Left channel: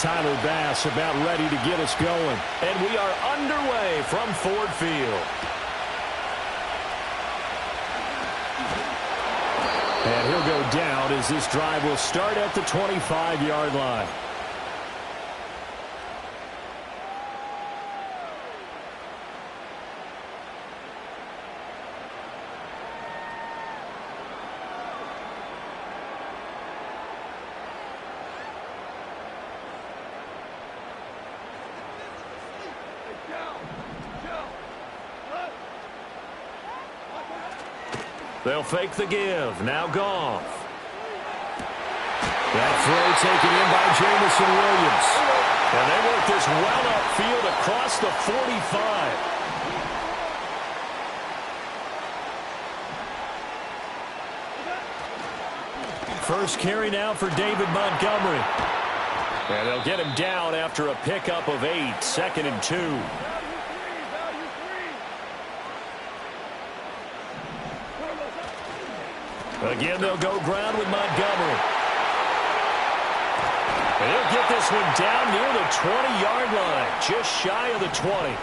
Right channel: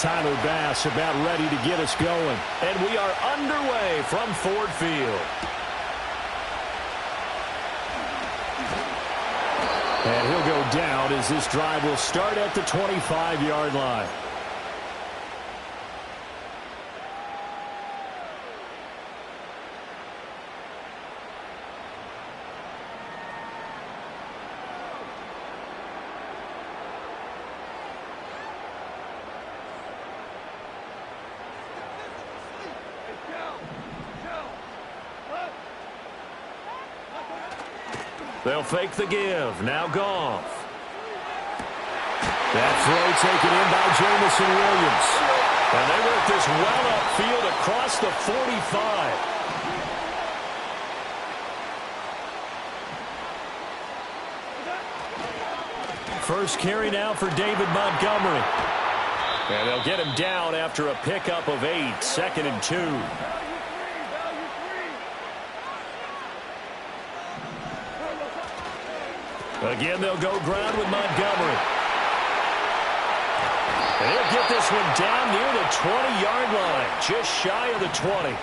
Tyler Bass about ready to get us going. And we are underway from Ford Field. And he'll go down as this drive will start at the 25-yard line. They'll fake the give. Now Goff. That throw taken in by Jamison Williams. And they work this well upfield across the 45. First carry now for David Montgomery. And they'll get him down after a pickup of 8, 2nd and 2. Again, they'll go ground with Montgomery. And he'll get this one down near the 20-yard line, just shy of the 20.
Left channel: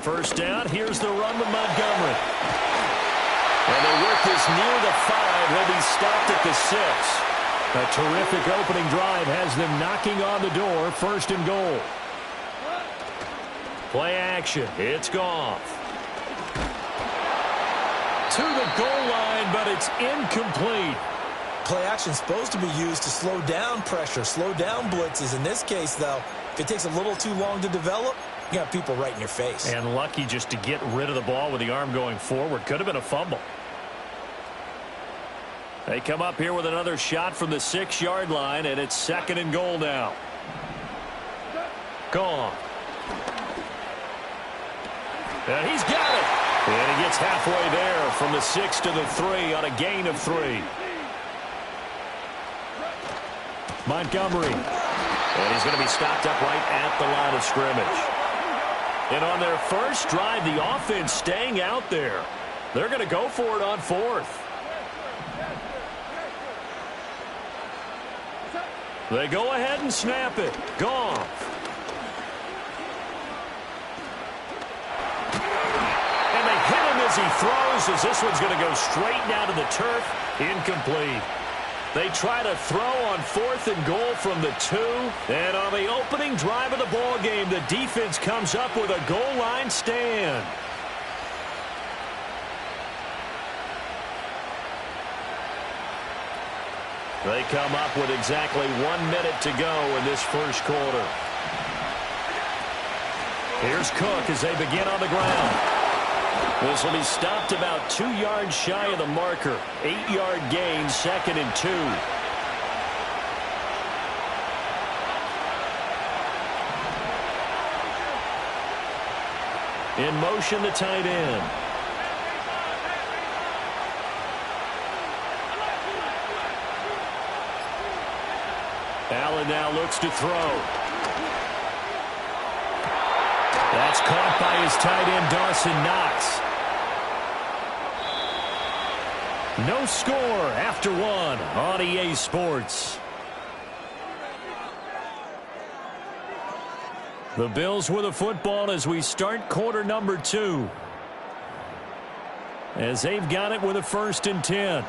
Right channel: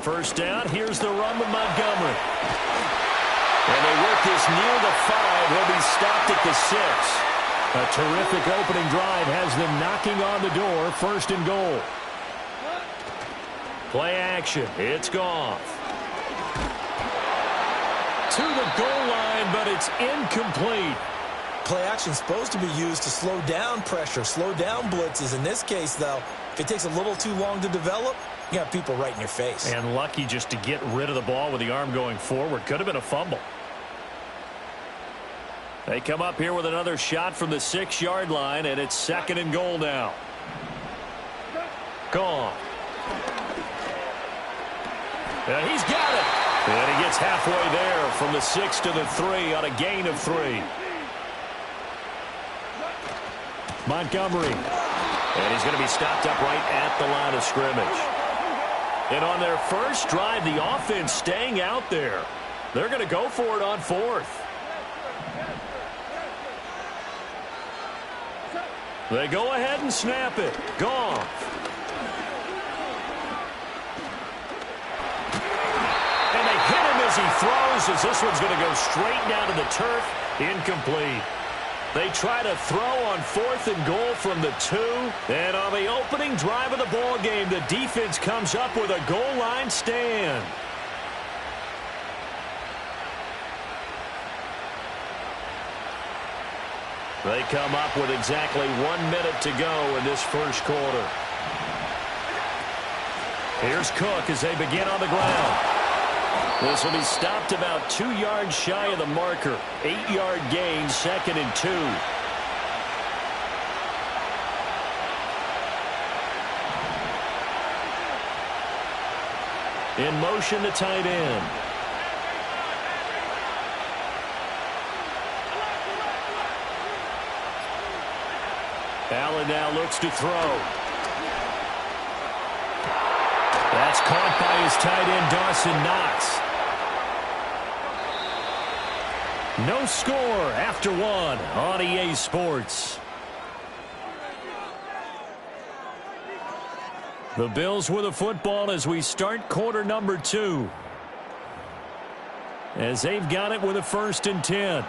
First down, here's the run with Montgomery. And they work this near the 5. He'll be stopped at the 6. A terrific opening drive has them knocking on the door, 1st and goal. Play action. It's Goff. To the goal line, but it's incomplete. Play action is supposed to be used to slow down pressure, slow down blitzes. In this case, though, if it takes a little too long to develop, you got people right in your face. And lucky just to get rid of the ball with the arm going forward. Could have been a fumble. They come up here with another shot from the 6-yard line, and it's 2nd and goal now. Gone. And he's got it. And he gets halfway there from the 6 to the 3 on a gain of 3. Montgomery. And he's going to be stopped up right at the line of scrimmage. And on their first drive, the offense staying out there. They're going to go for it on 4th. They go ahead and snap it. Goff. And they hit him as he throws, as this one's going to go straight down to the turf. Incomplete. They try to throw on 4th and goal from the 2. And on the opening drive of the ball game, the defense comes up with a goal line stand. They come up with exactly 1 minute to go in this first quarter. Here's Cook as they begin on the ground. This will be stopped about 2 yards shy of the marker. 8-yard gain, 2nd and 2. In motion, the tight end. Allen now looks to throw. That's caught by his tight end, Dawson Knox. No score after 1 on EA Sports. The Bills with a football as we start quarter number 2. As they've got it with a 1st and 10.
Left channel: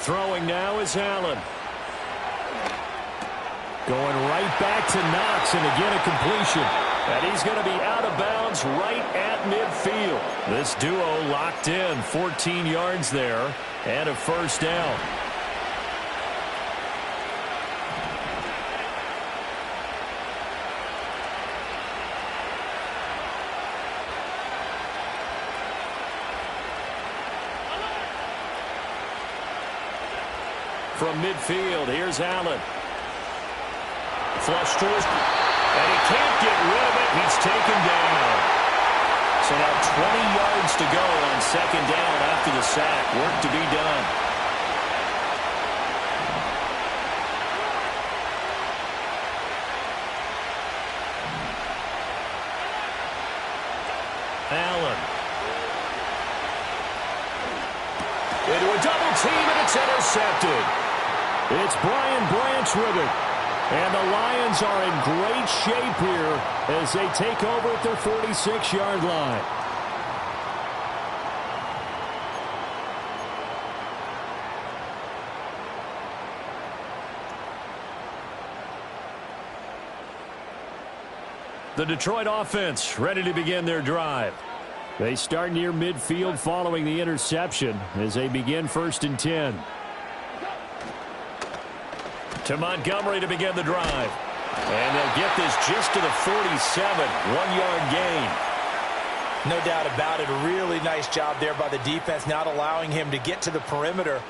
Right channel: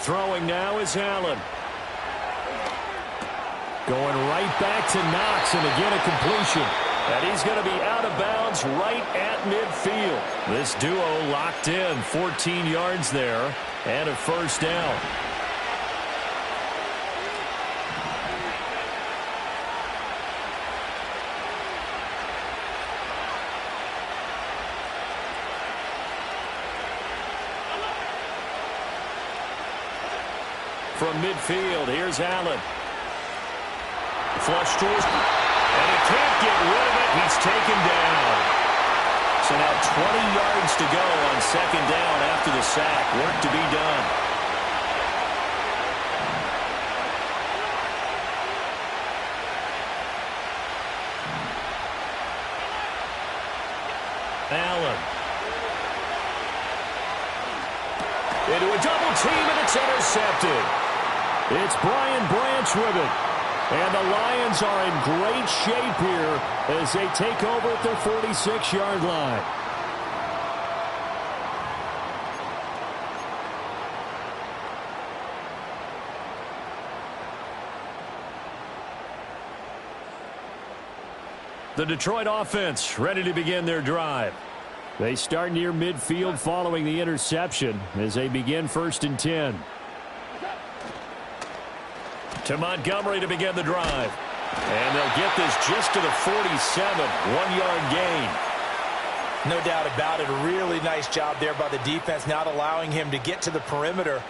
Throwing now is Allen. Going right back to Knox, and again a completion. And he's going to be out of bounds right at midfield. This duo locked in, 14 yards there, and a 1st down. from midfield. Here's Allen. Flush to his... And he can't get rid of it. He's taken down. So now 20 yards to go on second down after the sack. Work to be done. Allen. Into a double team, and it's intercepted. It's Brian Branch with it. And the Lions are in great shape here as they take over at their 46-yard line. The Detroit offense ready to begin their drive. They start near midfield following the interception as they begin 1st and 10. To Montgomery to begin the drive. And they'll get this just to the 47, 1-yard gain. No doubt about it. A really nice job there by the defense, not allowing him to get to the perimeter.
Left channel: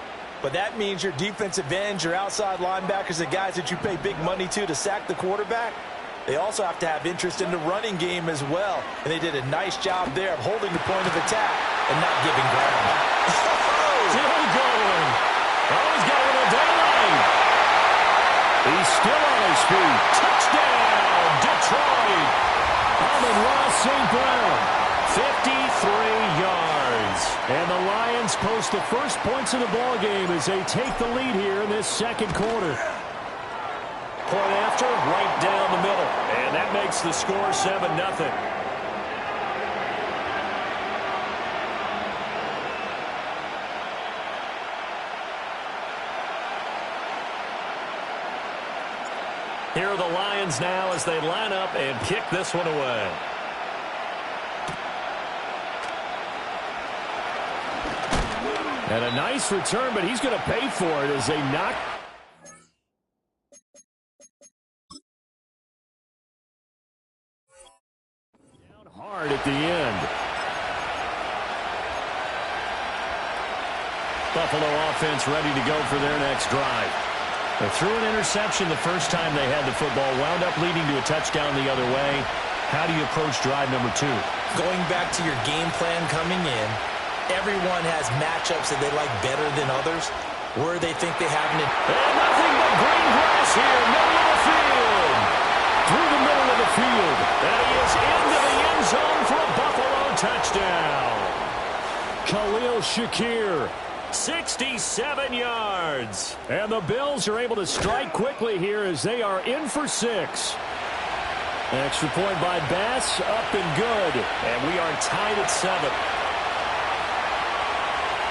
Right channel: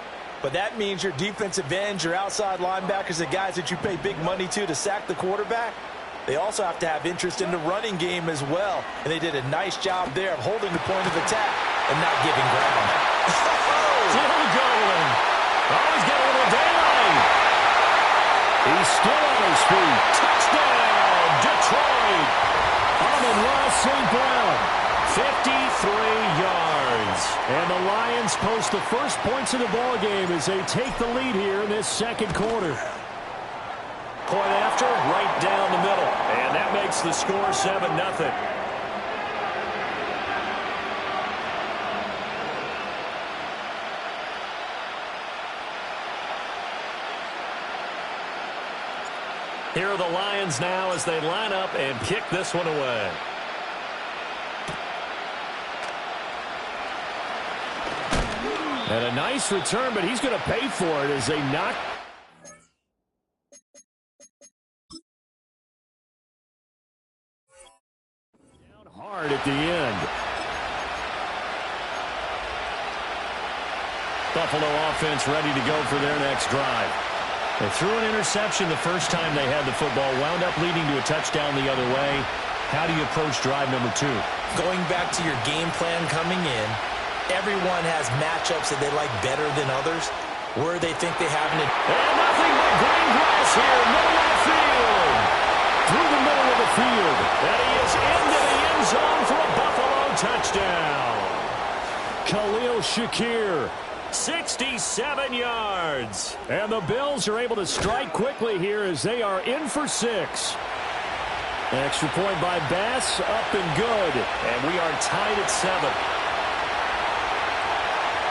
But that means your defensive ends, your outside linebackers, the guys that you pay big money to sack the quarterback, they also have to have interest in the running game as well. And they did a nice job there of holding the point of attack and not giving ground. Still going. Oh, he's got a little daylight. He's still on his feet. Touchdown, Detroit. Amon-Ra St. Brown, 53 yards. And the Lions post the first points of the ballgame as they take the lead here in this second quarter. Point after, right down the middle. And that makes the score 7-0. Here are the Lions now as they line up and kick this one away. And a nice return, but he's going to pay for it as they knock. Down hard at the end. Buffalo offense ready to go for their next drive. They threw an interception the first time they had the football, wound up leading to a touchdown the other way. How do you approach drive number 2? Going back to your game plan coming in, everyone has matchups that they like better than others, where they think they have an... And nothing but green grass here, middle of the field. Through the middle of the field. And he is into the end zone for a Buffalo touchdown. Khalil Shakir. 67 yards. And the Bills are able to strike quickly here as they are in for 6. Extra point by Bass, up and good. And we are tied at 7.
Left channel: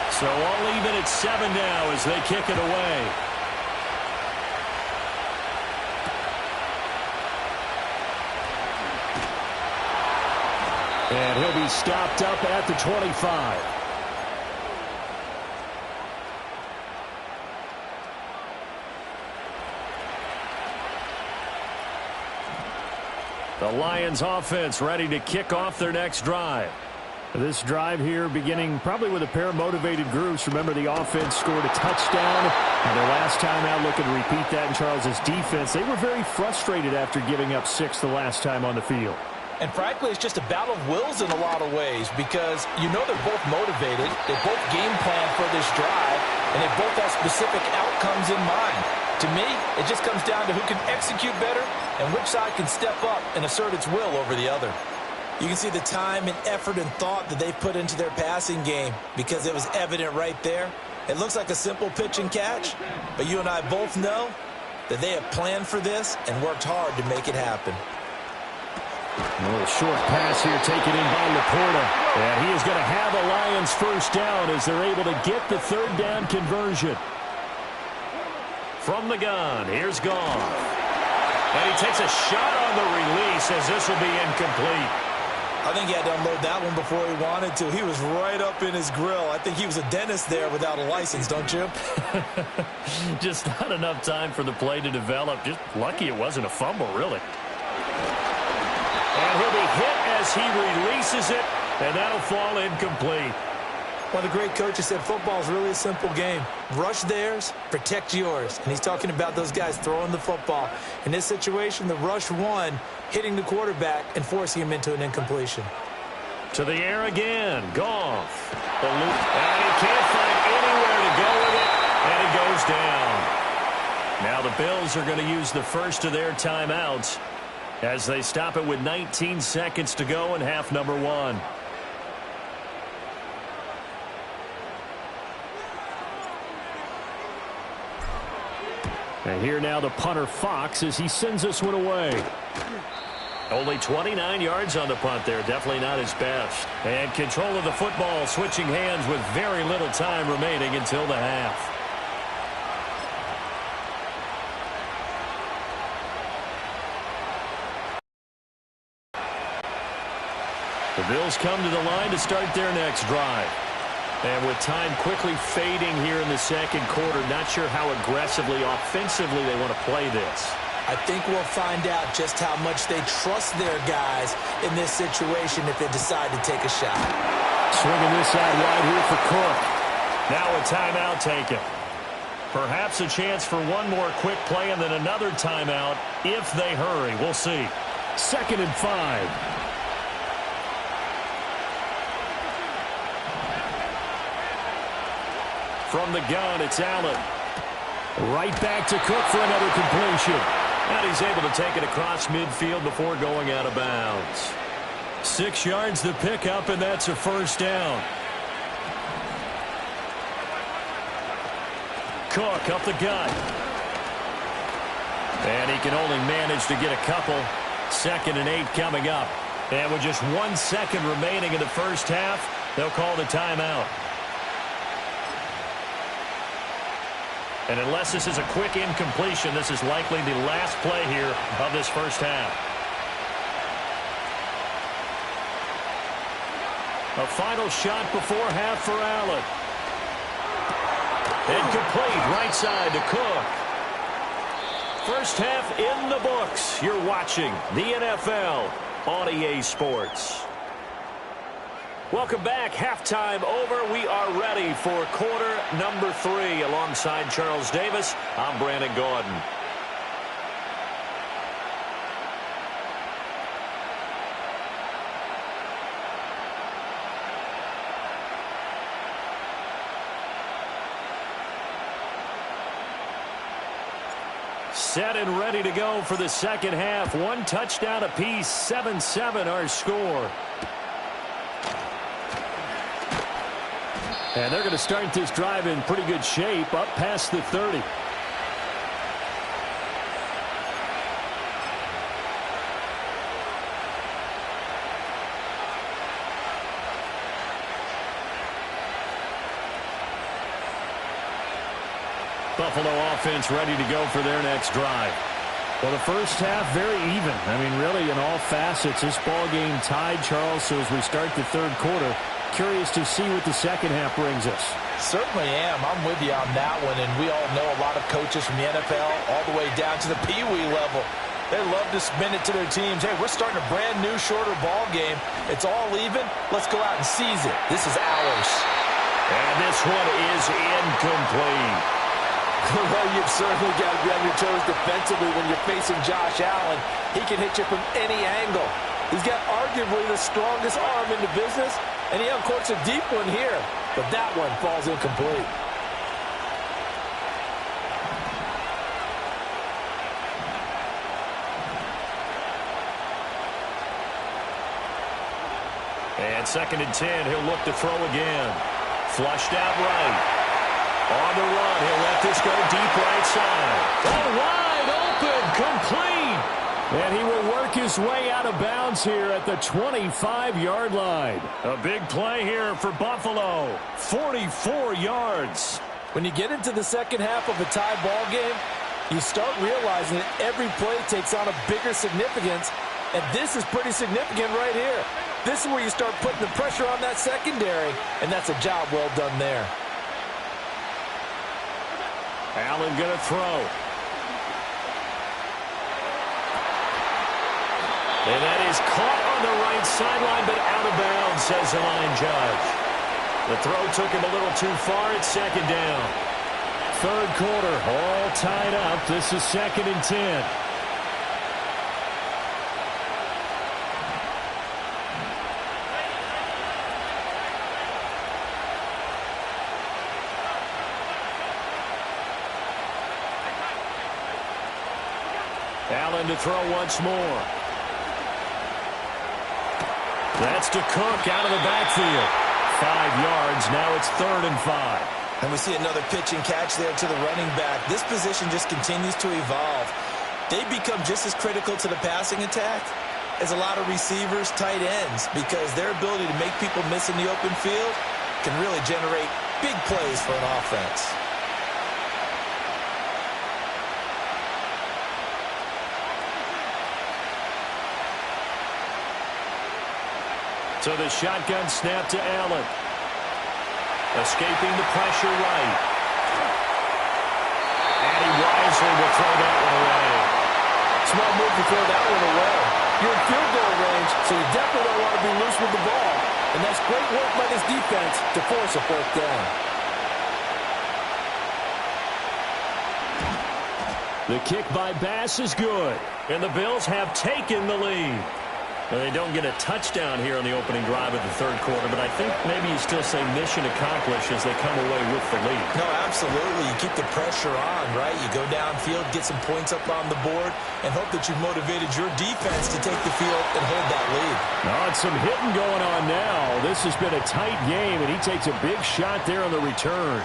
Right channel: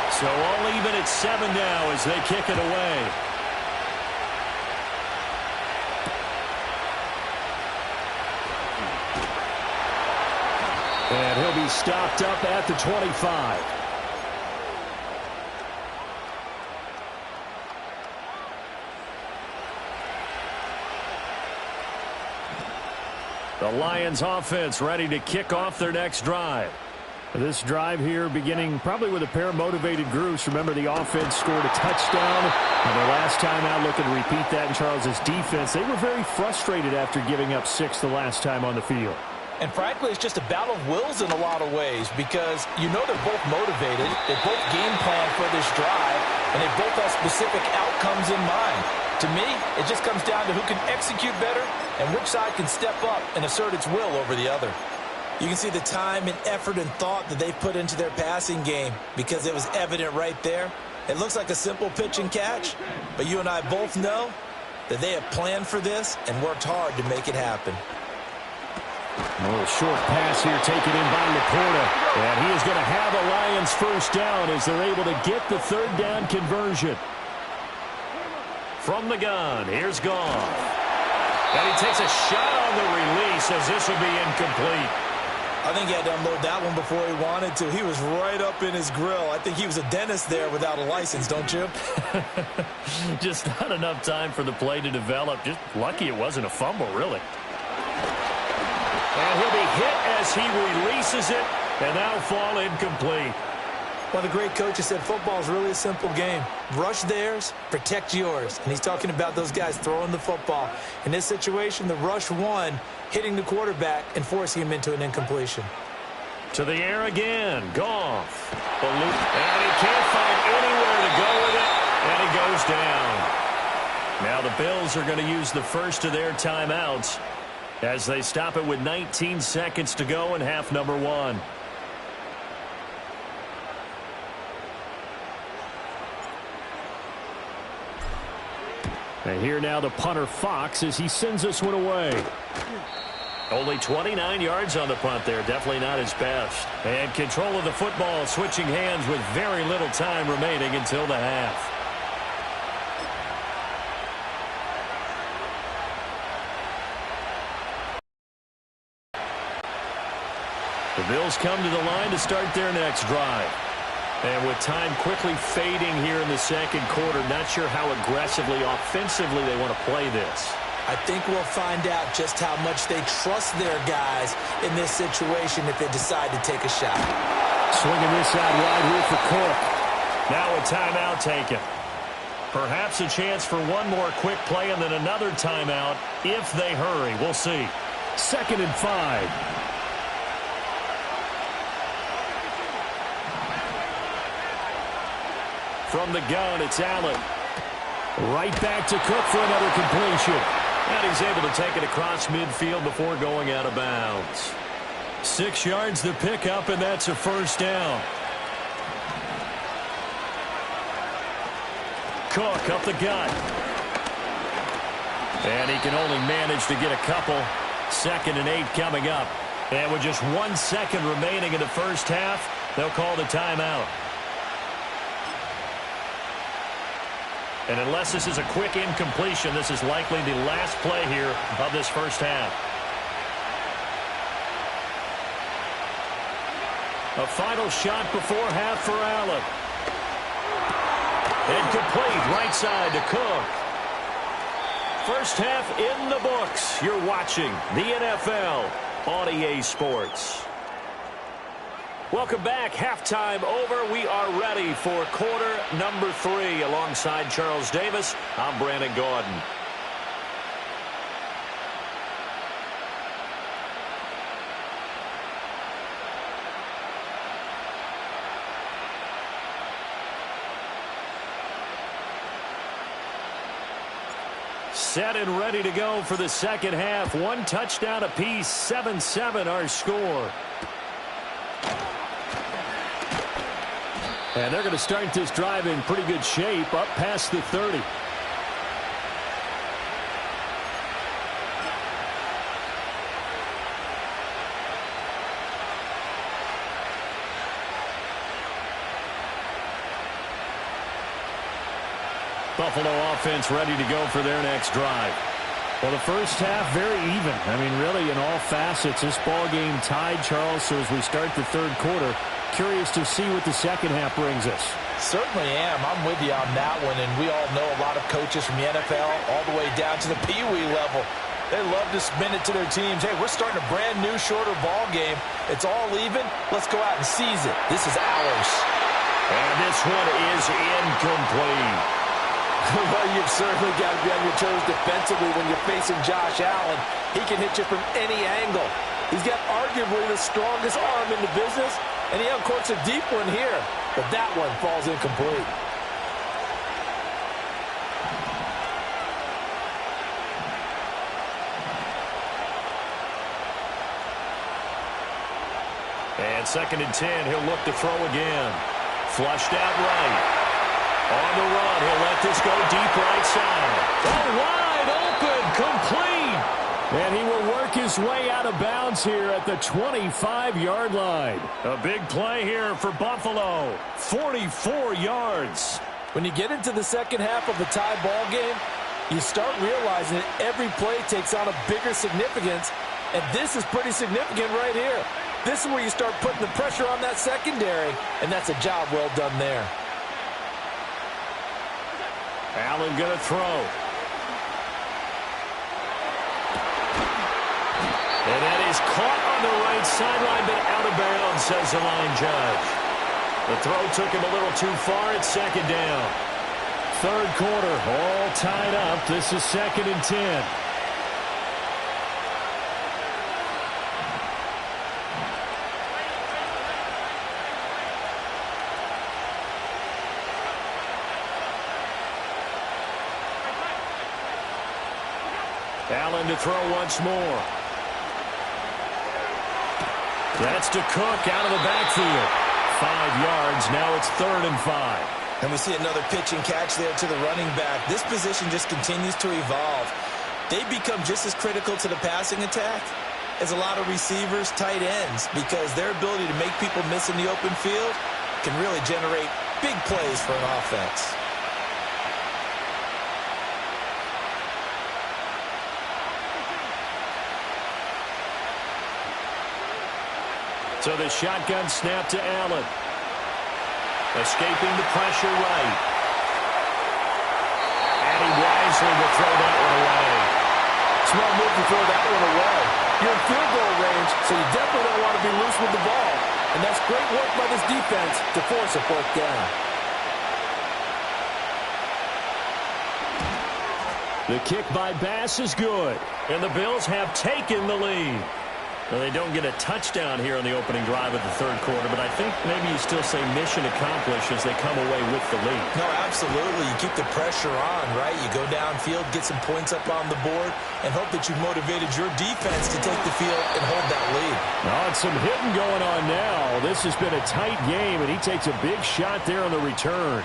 So all even at 7 now as they kick it away. And he'll be stopped up at the 25. The Lions offense ready to kick off their next drive. This drive here beginning probably with a pair of motivated groups. Remember, the offense scored a touchdown on their last time out, looking to repeat that in Charles's defense. They were very frustrated after giving up 6 the last time on the field. And frankly, it's just a battle of wills in a lot of ways because you know they're both motivated. They both game plan for this drive, and they both have specific outcomes in mind. To me, it just comes down to who can execute better and which side can step up and assert its will over the other. You can see the time and effort and thought that they put into their passing game because it was evident right there. It looks like a simple pitch and catch, but you and I both know that they have planned for this and worked hard to make it happen. A little short pass here taken in by Laporta. And he is going to have a Lions first down as they're able to get the third down conversion. From the gun, here's Goff. And he takes a shot on the release as this will be incomplete. I think he had to unload that one before he wanted to. He was right up in his grill. I think he was a dentist there without a license, don't you? Just not enough time for the play to develop. Just lucky it wasn't a fumble, really. And he'll be hit as he releases it, and that'll fall incomplete. One of the great coaches said football is really a simple game. rush theirs, protect yours. And he's talking about those guys throwing the football. In this situation, the rush one, hitting the quarterback and forcing him into an incompletion. To the air again. Goff. And he can't find anywhere to go with it. And he goes down. Now the Bills are going to use the first of their timeouts as they stop it with 19 seconds to go in half number 1. And here now the punter Fox as he sends this one away. Only 29 yards on the punt there. Definitely not his best. And control of the football switching hands with very little time remaining until the half. The Bills come to the line to start their next drive. And with time quickly fading here in the second quarter, not sure how aggressively, offensively they want to play this. I think we'll find out just how much they trust their guys in this situation if they decide to take a shot. Swinging this out wide here for Cook. Now a timeout taken. Perhaps a chance for one more quick play and then another timeout if they hurry. We'll see. 2nd and 5. From the gun, it's Allen. Right back to Cook for another completion. And he's able to take it across midfield before going out of bounds. 6 yards to pick up, and that's a first down. Cook up the gut. And he can only manage to get a couple. 2nd and 8 coming up. And with just 1 second remaining in the first half, they'll call the timeout. And unless this is a quick incompletion, this is likely the last play here of this first half. A final shot before half for Allen. Incomplete, right side to Cook. First half in the books. You're watching the NFL on EA Sports. Welcome back. Halftime over. We are ready for quarter number 3. Alongside Charles Davis, I'm Brandon Gordon. Set and ready to go for the second half. 1 touchdown apiece, 7-7 our score. And they're going to start this drive in pretty good shape, up past the 30. Buffalo offense ready to go for their next drive. Well, the first half, very even. I mean, really, in all facets, this ball game tied, Charles. So as we start the third quarter, curious to see what the second half brings us. Certainly am. I'm with you on that one. And we all know a lot of coaches from the NFL all the way down to the Pee-wee level. They love to spin it to their teams. Hey, we're starting a brand new, shorter ball game. It's all even. Let's go out and seize it. This is ours. And this one is incomplete. Well, you've certainly got to be on your toes defensively when you're facing Josh Allen. He can hit you from any angle. He's got arguably the strongest arm in the business, and he uncorks a deep one here. But that one falls incomplete. And 2nd and 10, he'll look to throw again. Flushed out right. On the run, he'll let this go deep right side. Oh, wide open, complete. And he will work his way out of bounds here at the 25-yard line. A big play here for Buffalo. 44 yards. When you get into the second half of a tie ball game, you start realizing that every play takes on a bigger significance, and this is pretty significant right here. This is where you start putting the pressure on that secondary, and that's a job well done there. Allen going to throw. And that is caught on the right sideline, but out of bounds, says the line judge. The throw took him a little too far. It's 2nd down. Third quarter, all tied up. This is 2nd and 10. Allen to throw once more. That's to Cook out of the backfield. 5 yards. Now it's 3rd and 5. And we see another pitch and catch there to the running back. This position just continues to evolve. They become just as critical to the passing attack as a lot of receivers, tight ends, because their ability to make people miss in the open field can really generate big plays for an offense. So the shotgun snap to Allen. Escaping the pressure right. And he wisely will throw that one away. Smart move to throw that one away. You're in field goal range, so you definitely don't want to be loose with the ball. And that's great work by this defense to force a 4th down. The kick by Bass is good. And the Bills have taken the lead. Well, they don't get a touchdown here on the opening drive of the 3rd quarter, but I think maybe you still say mission accomplished as they come away with the lead. No, absolutely. You keep the pressure on, right? You go downfield, get some points up on the board, and hope that you've motivated your defense to take the field and hold that lead. Oh, it's some hitting going on now. This has been a tight game, and he takes a big shot there on the return.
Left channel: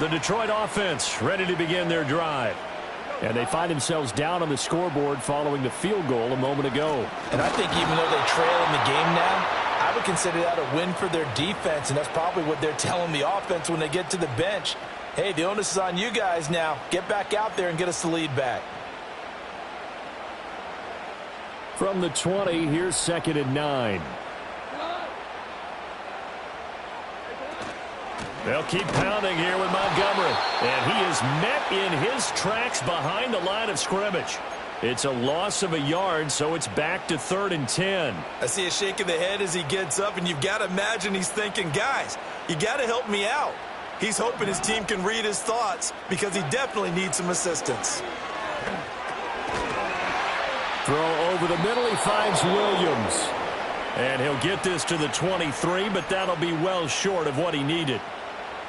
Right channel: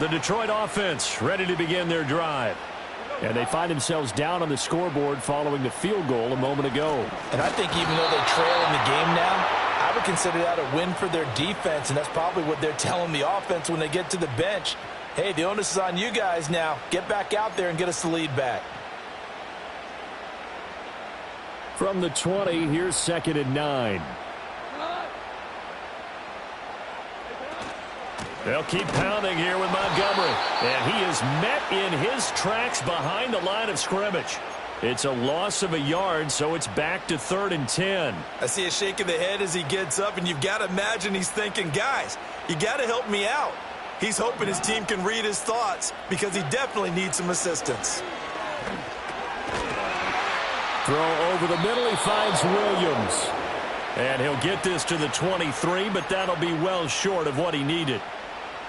The Detroit offense ready to begin their drive. And they find themselves down on the scoreboard following the field goal a moment ago. And I think even though they trail in the game now, I would consider that a win for their defense, and that's probably what they're telling the offense when they get to the bench. Hey, the onus is on you guys now. Get back out there and get us the lead back. From the 20, here's 2nd and 9. They'll keep pounding here with Montgomery. And he is met in his tracks behind the line of scrimmage. It's a loss of a yard, so it's back to 3rd and 10. I see a shake of the head as he gets up, and you've got to imagine he's thinking, guys, you got to help me out. He's hoping his team can read his thoughts because he definitely needs some assistance. Throw over the middle. He finds Williams. And he'll get this to the 23, but that'll be well short of what he needed.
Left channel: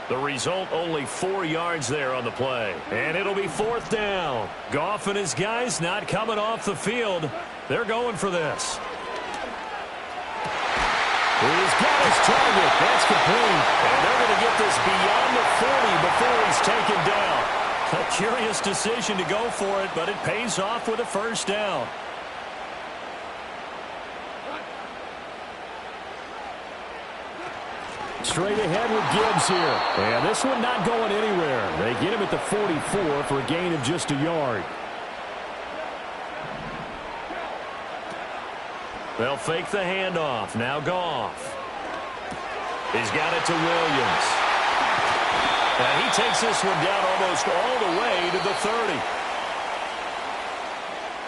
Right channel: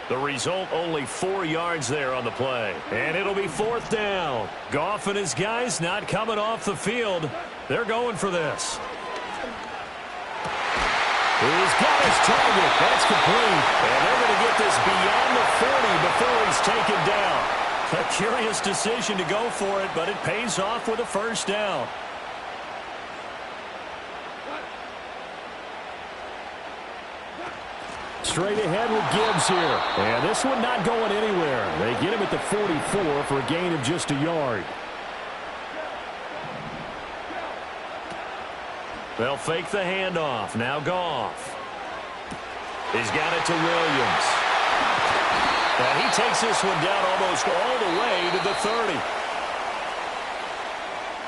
The result, only 4 yards there on the play. And it'll be 4th down. Goff and his guys not coming off the field. They're going for this. He's got his target. That's complete. And they're going to get this beyond the 40 before he's taken down. A curious decision to go for it, but it pays off with a 1st down. Straight ahead with Gibbs here. And this one not going anywhere. They get him at the 44 for a gain of just a yard. They'll fake the handoff. Now Goff. He's got it to Williams. And he takes this one down almost all the way to the 30.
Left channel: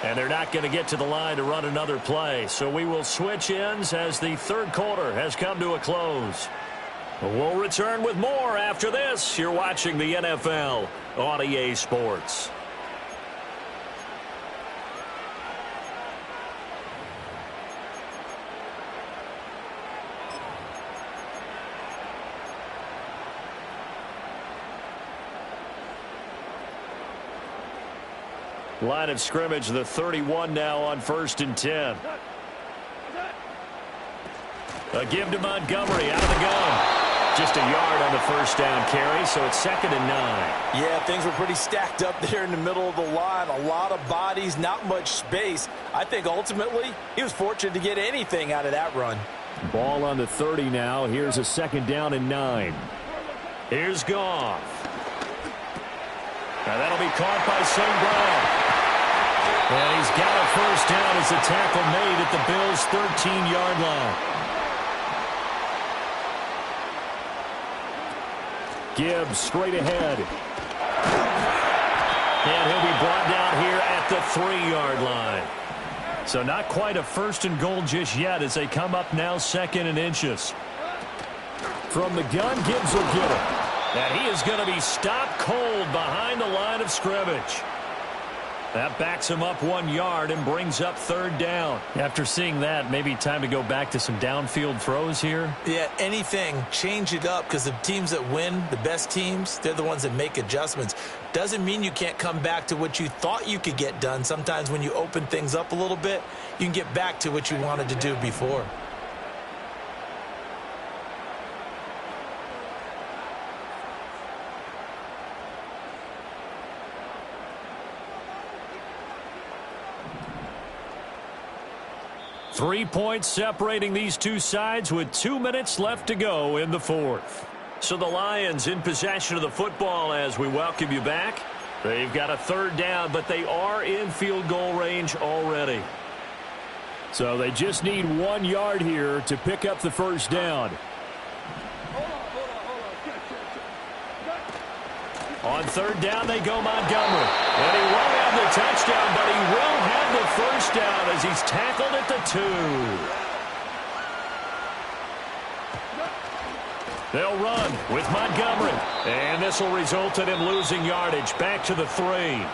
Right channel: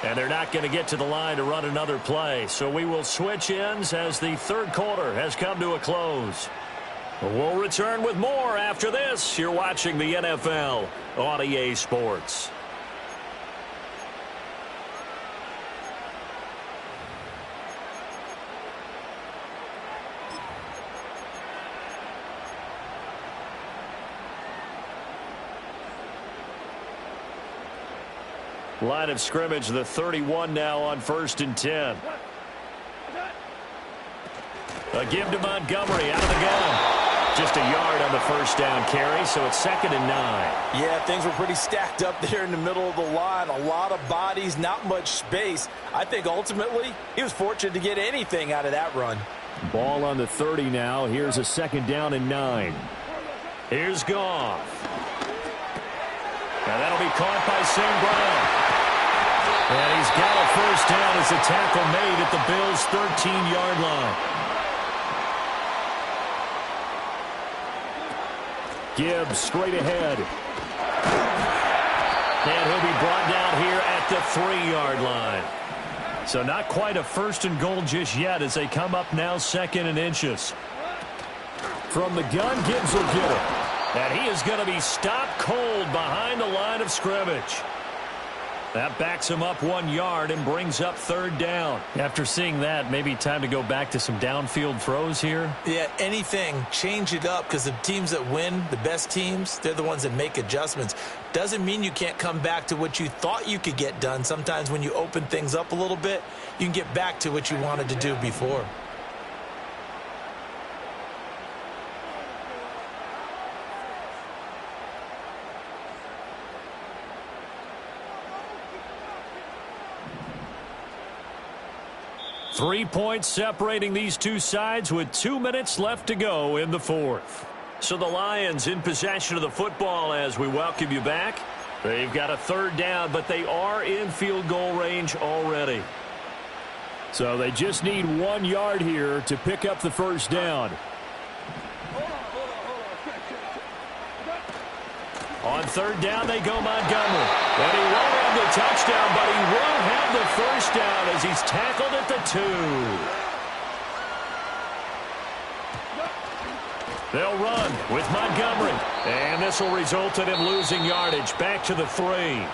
And they're not going to get to the line to run another play. So we will switch ends as the 3rd quarter has come to a close. We'll return with more after this. You're watching the NFL on EA Sports. Line of scrimmage, the 31 now on 1st and 10. A give to Montgomery out of the gun. Just a yard on the 1st down carry, so it's 2nd and 9. Yeah, things were pretty stacked up there in the middle of the line. A lot of bodies, not much space. I think ultimately he was fortunate to get anything out of that run. Ball on the 30 now. Here's a 2nd down and 9. Here's Goff. Now that'll be caught by St. Brown. And he's got a 1st down as the tackle made at the Bills' 13-yard line. Gibbs straight ahead. And he'll be brought down here at the 3-yard line. So not quite a 1st and goal just yet as they come up now 2nd and inches. From the gun, Gibbs will get it. And he is going to be stopped cold behind the line of scrimmage. That backs him up 1 yard and brings up third down. After seeing that, maybe time to go back to some downfield throws here. Yeah, anything. Change it up, because the teams that win, the best teams, they're the ones that make adjustments. Doesn't mean you can't come back to what you thought you could get done. Sometimes when you open things up a little bit, you can get back to what you wanted to do before. Three points separating these two sides with 2 minutes left to go in the fourth. So the Lions in possession of the football as we welcome you back. They've got a third down, but they are in field goal range already. So they just need 1 yard here to pick up the first down. On third down, they go Montgomery. And he won't have the touchdown, but he will have the first down as he's tackled at the 2. They'll run with Montgomery. And this will result in him losing yardage back to the 3.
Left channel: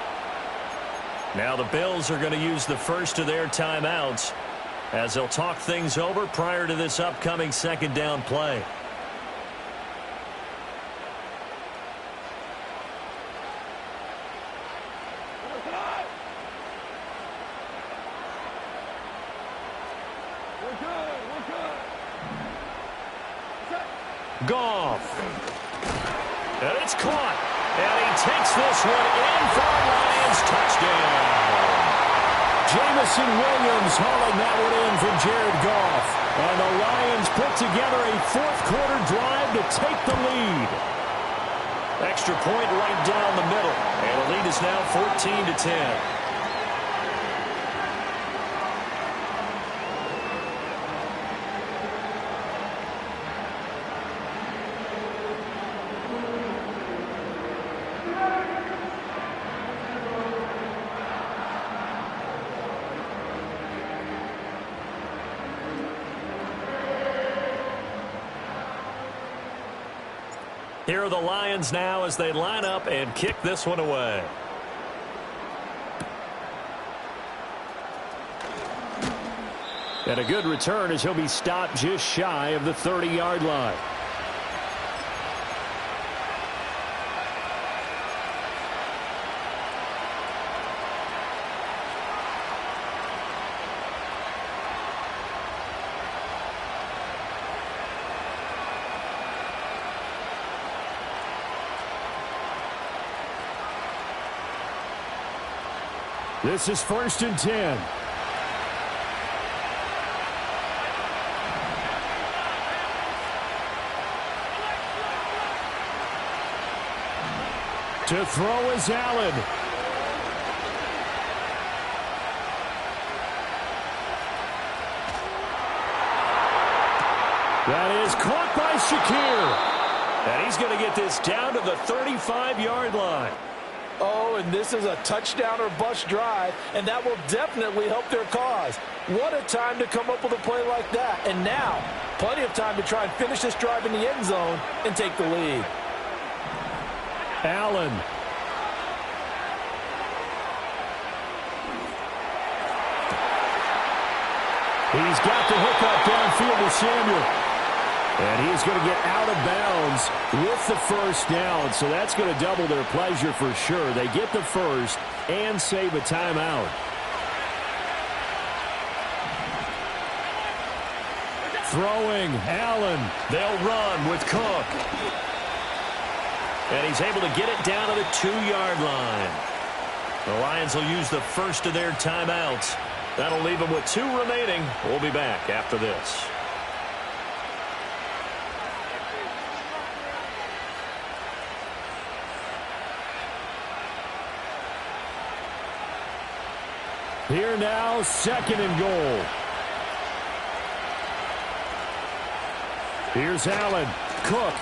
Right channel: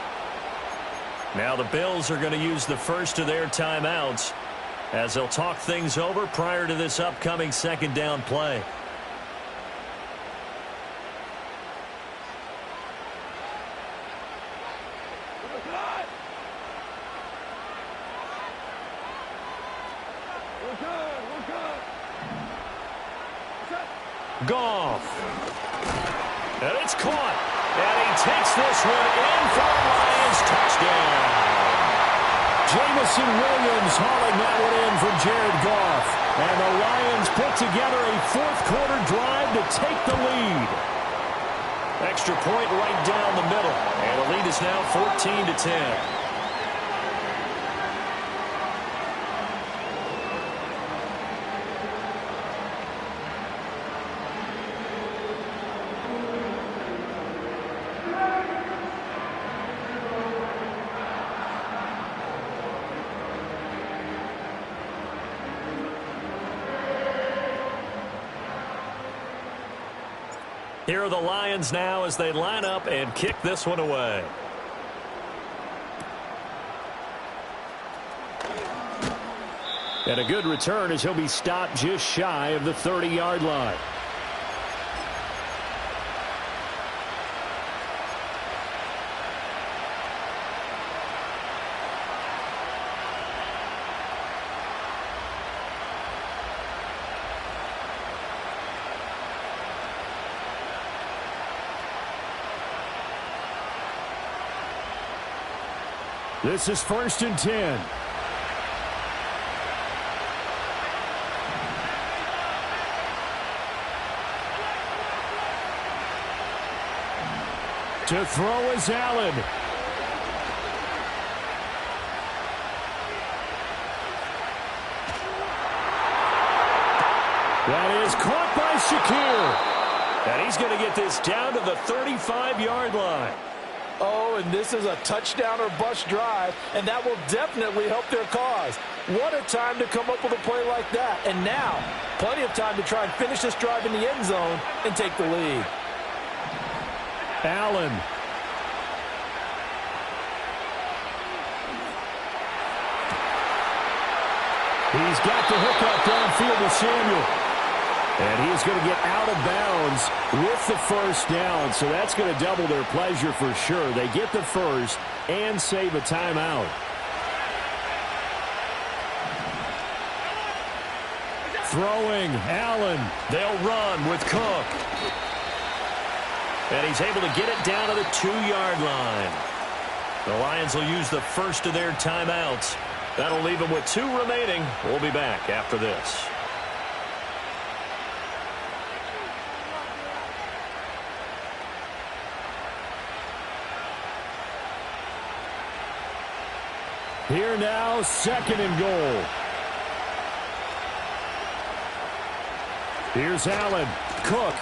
Now the Bills are going to use the first of their timeouts as they'll talk things over prior to this upcoming second down play. Goff. And it's caught. And he takes this one in for a Lions touchdown. Jamison Williams hauling that one in from Jared Goff. And the Lions put together a fourth-quarter drive to take the lead. Extra point right down the middle. And the lead is now 14-10. Here are the Lions now as they line up and kick this one away. And a good return as he'll be stopped just shy of the 30-yard line. This is 1st and 10. To throw is Allen. That is caught by Shakir. And he's going to get this down to the 35-yard line. Oh, and this is a touchdown or bust drive, and that will definitely help their cause. What a time to come up with a play like that. And now, plenty of time to try and finish this drive in the end zone and take the lead. Allen. He's got the hookup downfield with Samuel. And he's going to get out of bounds with the first down. So that's going to double their pleasure for sure. They get the first and save a timeout. Throwing, Allen. They'll run with Cook. And he's able to get it down to the 2-yard line. The Lions will use the first of their timeouts. That'll leave them with 2 remaining. We'll be back after this. Here now, 2nd and goal. Here's Allen. Cook.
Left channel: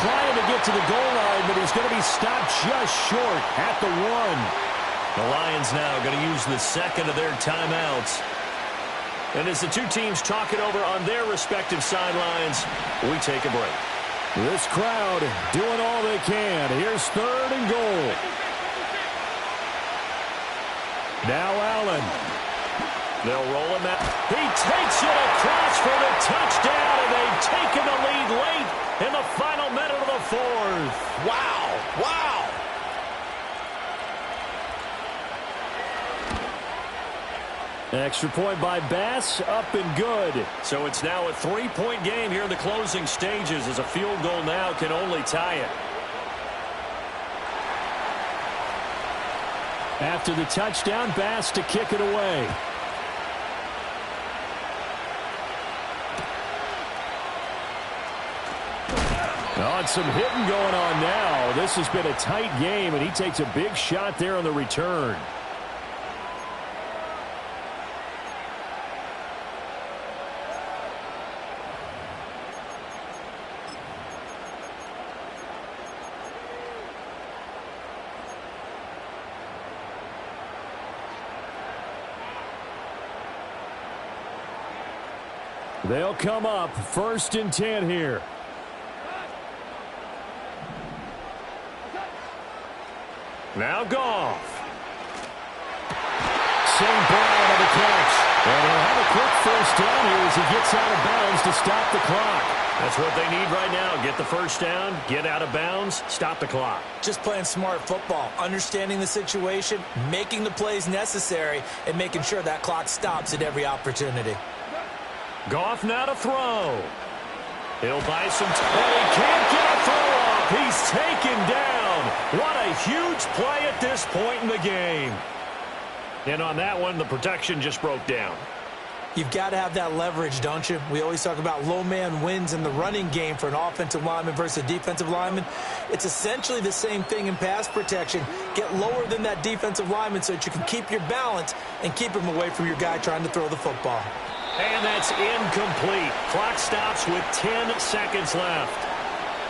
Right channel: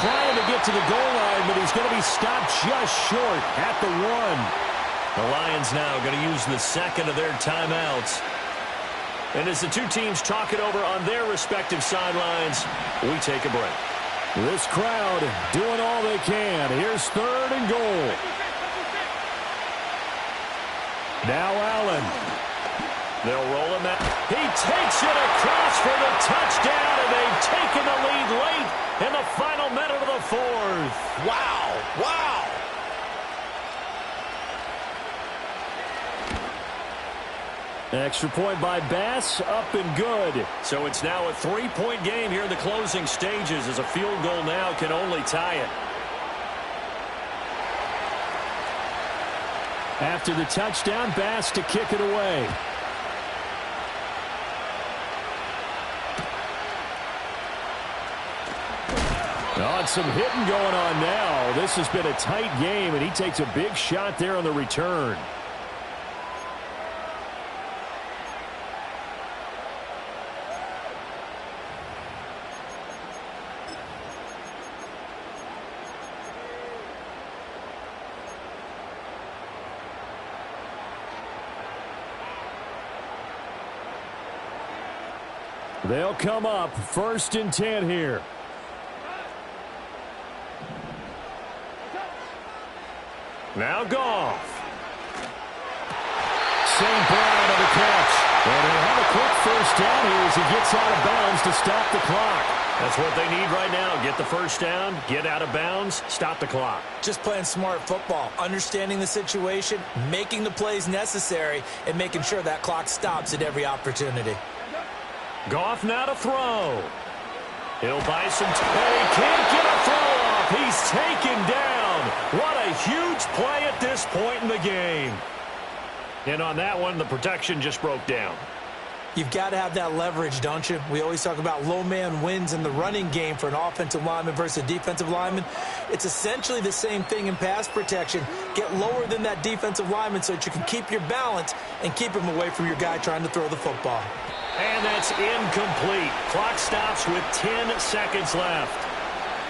Trying to get to the goal line, but he's going to be stopped just short at the 1. The Lions now going to use the second of their timeouts. And as the two teams talk it over on their respective sidelines, we take a break. This crowd doing all they can. Here's 3rd and goal. Now Allen. They'll roll him out. He takes it across for the touchdown, and they've taken the lead late in the final minute of the 4th. Wow. Wow. Extra point by Bass, up and good. So it's now a 3-point game here in the closing stages, as a field goal now can only tie it. After the touchdown, Bass to kick it away. Oh, and some hitting going on now. This has been a tight game, and he takes a big shot there on the return. They'll come up 1st and 10 here. Now Goff. St. Brown on the catch. And he'll have a quick 1st down here as he gets out of bounds to stop the clock. That's what they need right now. Get the 1st down, get out of bounds, stop the clock. Just playing smart football, understanding the situation, making the plays necessary, and making sure that clock stops at every opportunity. Goff now to throw. He'll buy some time, and he can't get a throw off. He's taken down. What a huge play at this point in the game. And on that one, the protection just broke down. You've got to have that leverage, don't you? We always talk about low man wins in the running game for an offensive lineman versus a defensive lineman. It's essentially the same thing in pass protection. Get lower than that defensive lineman so that you can keep your balance and keep him away from your guy trying to throw the football. And that's incomplete. Clock stops with 10 seconds left.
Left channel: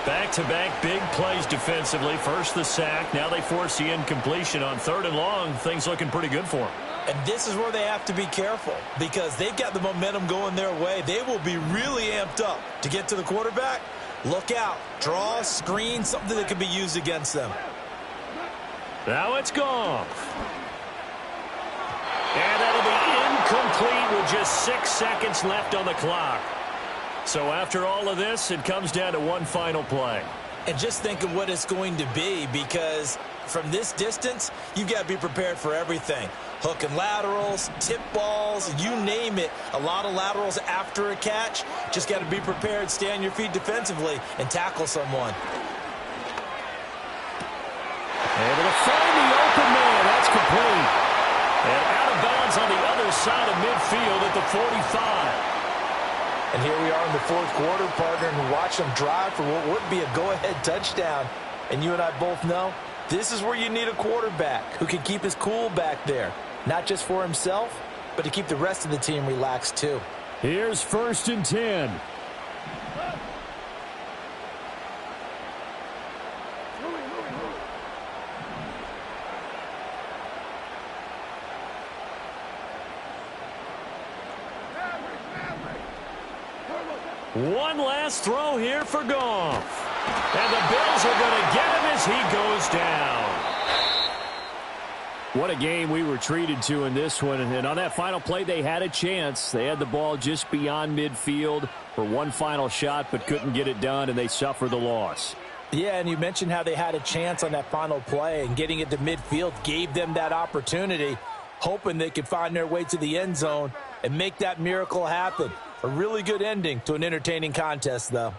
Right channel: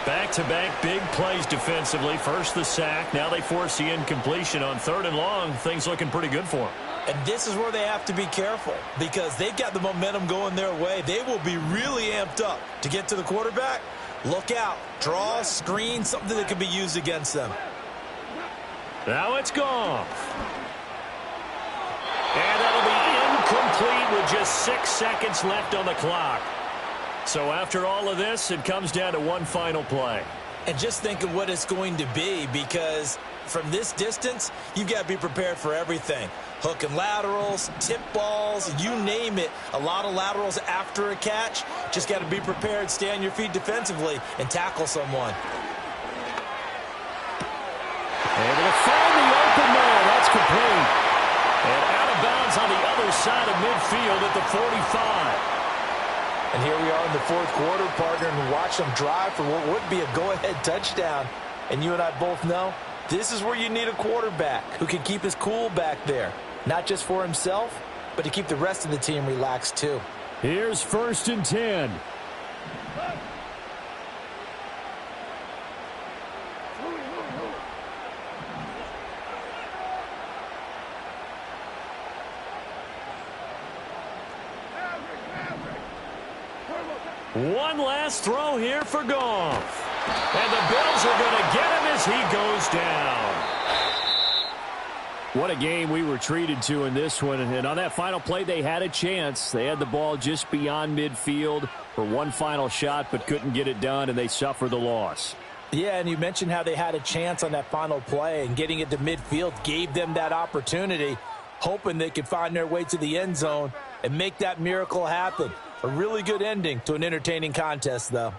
Back-to-back big plays defensively. First the sack. Now they force the incompletion on 3rd and long. Things looking pretty good for them. And this is where they have to be careful because they've got the momentum going their way. They will be really amped up to get to the quarterback. Look out. Draw, screen, something that can be used against them. Now it's Goff. And that'll be incomplete with just 6 seconds left on the clock. So after all of this, it comes down to one final play. And just think of what it's going to be because from this distance, you've got to be prepared for everything. Hook and laterals, tip balls, you name it. A lot of laterals after a catch. Just got to be prepared, stay on your feet defensively, and tackle someone. Able to find the open man. That's complete. And out of bounds on the other side of midfield at the 45. And here we are in the 4th quarter, partner, and watch them drive for what would be a go-ahead touchdown. And you and I both know this is where you need a quarterback who can keep his cool back there. Not just for himself, but to keep the rest of the team relaxed too. Here's 1st and 10. One last throw here for Goff. And the Bills are going to get him as he goes down. What a game we were treated to in this one. And on that final play, they had a chance. They had the ball just beyond midfield for one final shot, but couldn't get it done, and they suffer the loss. Yeah, and you mentioned how they had a chance on that final play, and getting it to midfield gave them that opportunity, hoping they could find their way to the end zone and make that miracle happen. A really good ending to an entertaining contest, though.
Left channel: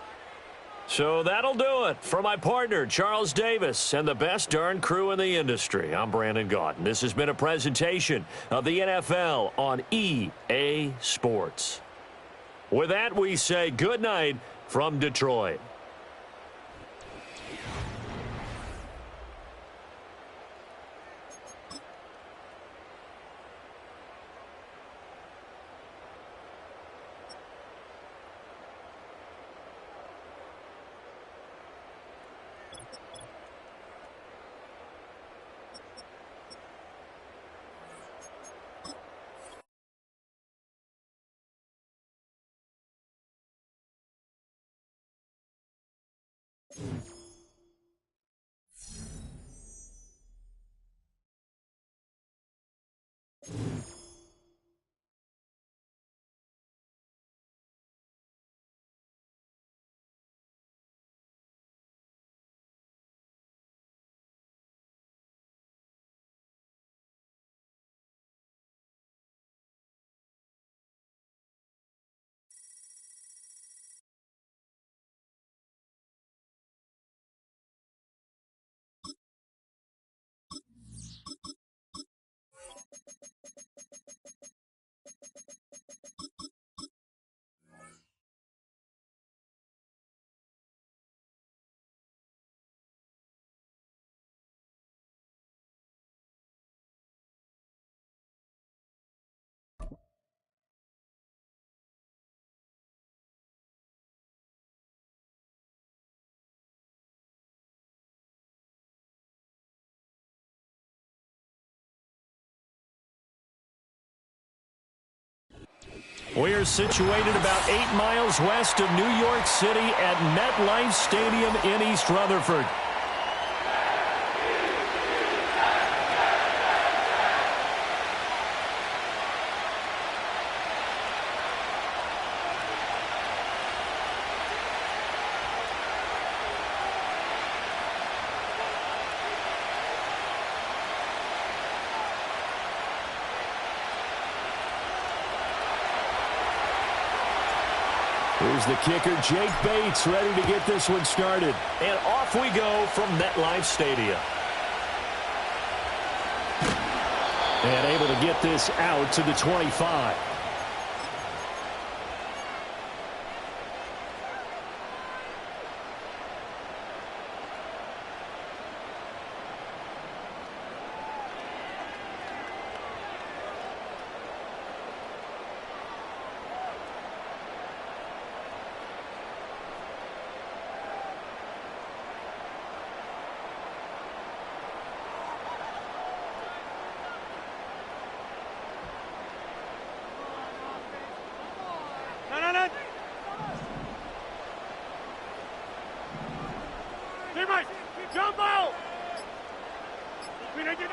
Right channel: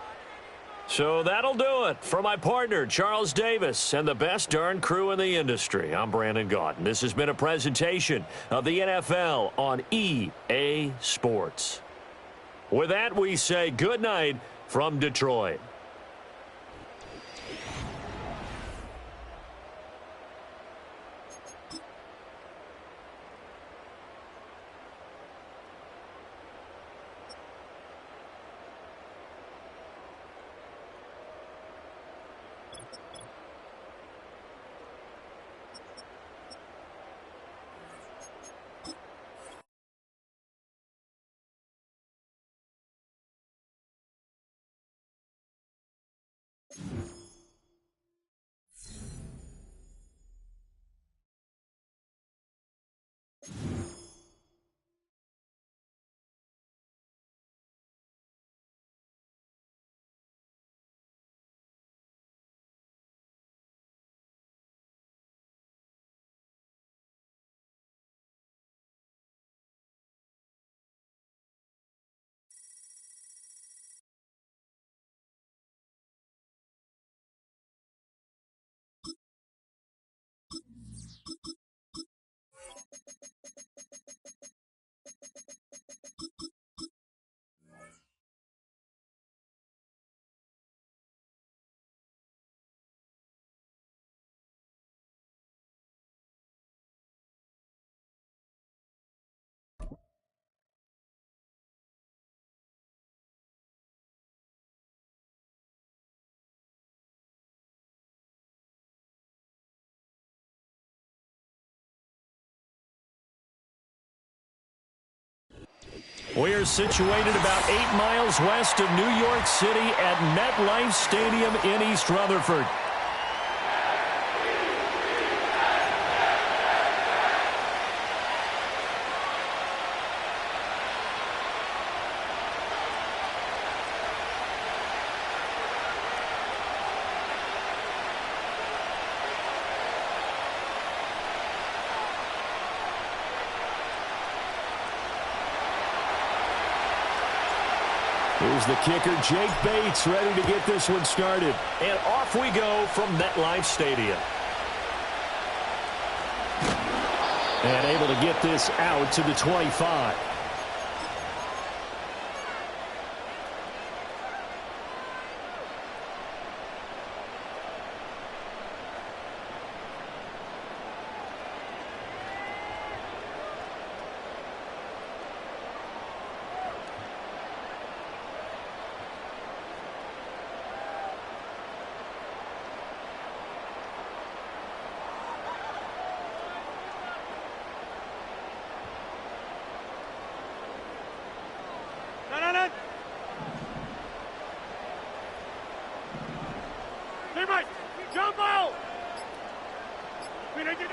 So that'll do it. For my partner, Charles Davis, and the best darn crew in the industry, I'm Brandon Gaudin. This has been a presentation of the NFL on EA Sports. With that, we say good night from Detroit. We're situated about 8 miles west of New York City at MetLife Stadium in East Rutherford. Here's the kicker, Jake Bates, ready to get this one started. And off we go from MetLife Stadium. And able to get this out to the 25.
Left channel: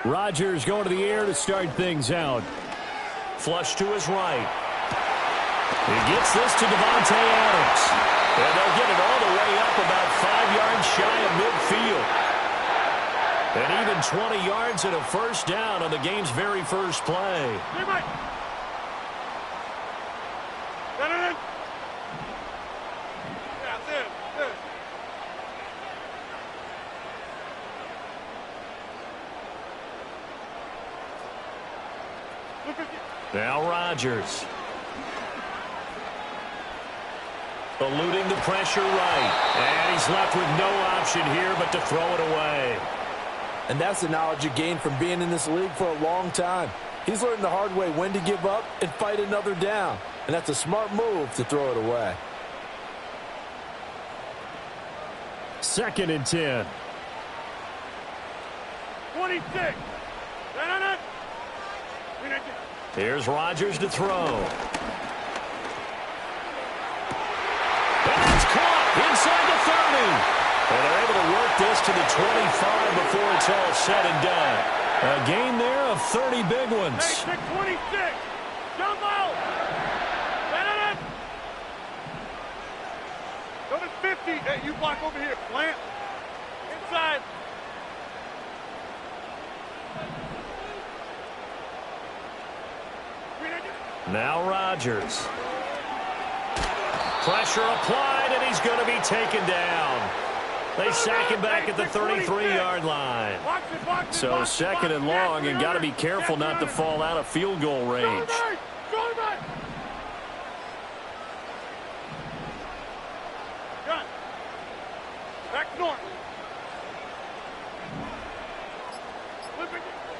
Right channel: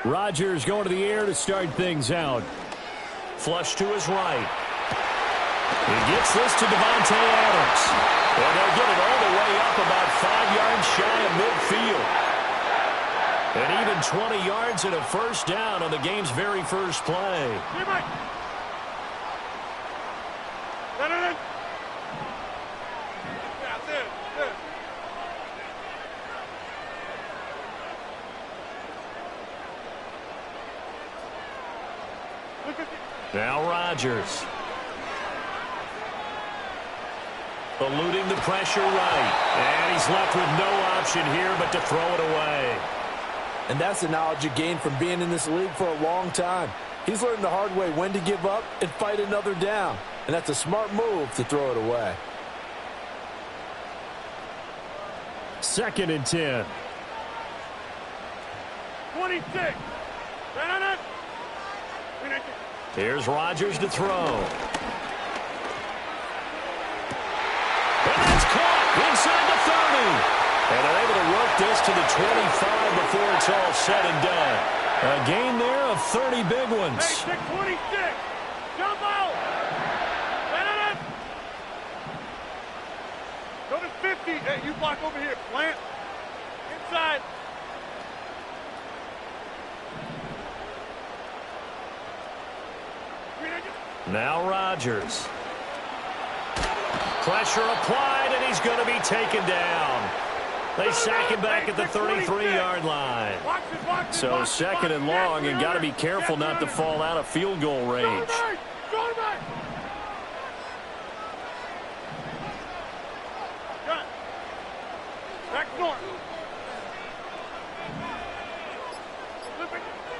Rodgers going to the air to start things out. Flush to his right. He gets this to Devontae Adams. And they'll get it all the way up about 5 yards shy of midfield. And even 20 yards and a first down on the game's very first play. Now Rodgers. Eluding the pressure right. And he's left with no option here but to throw it away. And that's the knowledge you gain from being in this league for a long time. He's learned the hard way when to give up and fight another down. And that's a smart move to throw it away. 2nd and 10. 26. Here's Rodgers to throw. And that's caught inside the 30. And they're able to work this to the 25 before it's all said and done. A gain there of 30 big ones. 26. Jump out. Go to 50. Hey, you block over here. Plant. Inside. Now Rodgers. Pressure applied, and he's going to be taken down. They sack him back at the 33-yard line. So 2nd and long, and got to be careful not to fall out of field goal range.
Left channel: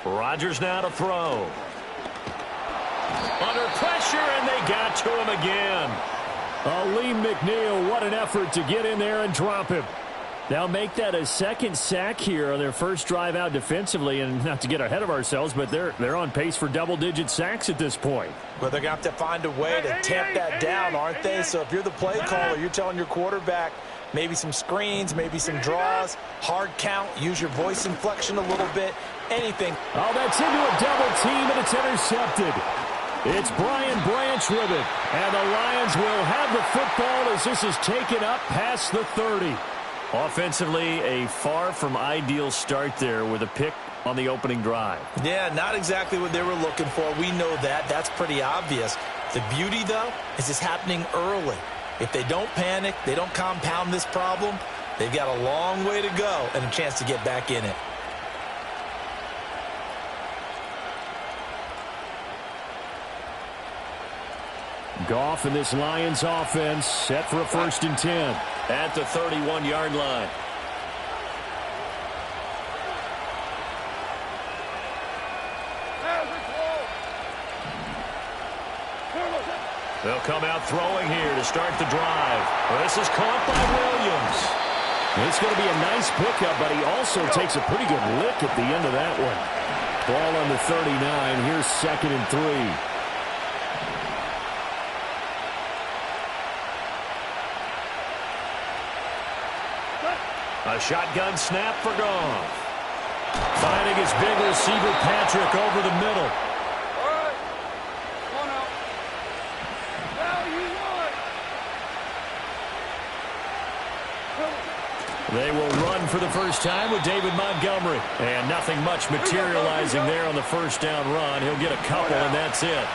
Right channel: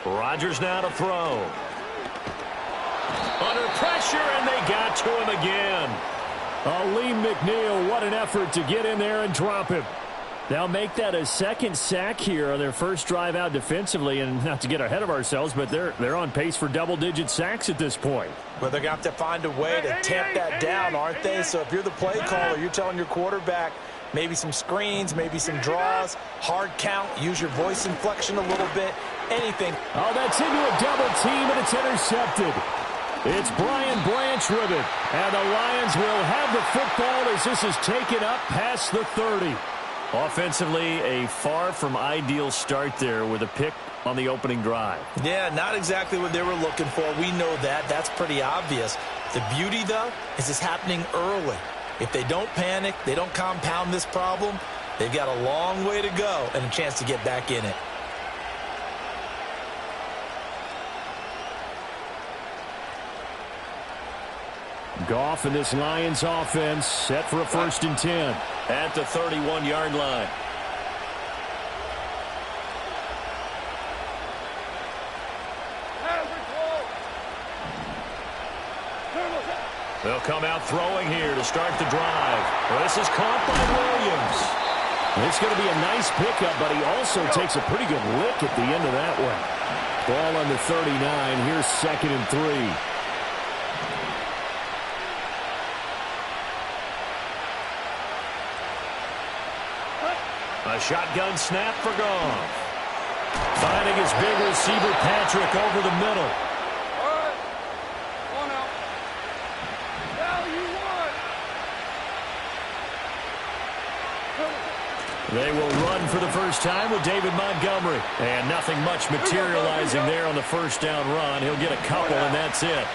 Rodgers now to throw. Under pressure, and they got to him again. Lee McNeil, what an effort to get in there and drop him. They'll make that a second sack here on their first drive out defensively, and not to get ahead of ourselves, but they're on pace for double-digit sacks at this point. Well, they're going to have to find a way to tamp that down, aren't they? So if you're the play caller, you're telling your quarterback maybe some screens, maybe some draws, hard count, use your voice inflection a little bit, anything. Oh, that's into a double team, and it's intercepted. It's Brian Branch with it, and the Lions will have the football as this is taken up past the 30. Offensively, a far from ideal start there with a pick on the opening drive. Yeah, not exactly what they were looking for. We know that. That's pretty obvious. The beauty, though, is it's happening early. If they don't panic, they don't compound this problem, they've got a long way to go and a chance to get back in it. Goff and this Lions offense set for a 1st and 10 at the 31-yard line. They'll come out throwing here to start the drive. Well, this is caught by Williams. It's going to be a nice pickup, but he also takes a pretty good lick at the end of that one. Ball on the 39. Here's 2nd and 3. A shotgun snap for Goff. Finding his big receiver, Patrick, over the middle. All right. One out. Now you won. They will run for the first time with David Montgomery. And nothing much materializing there on the first down run. He'll get a couple, and that's it.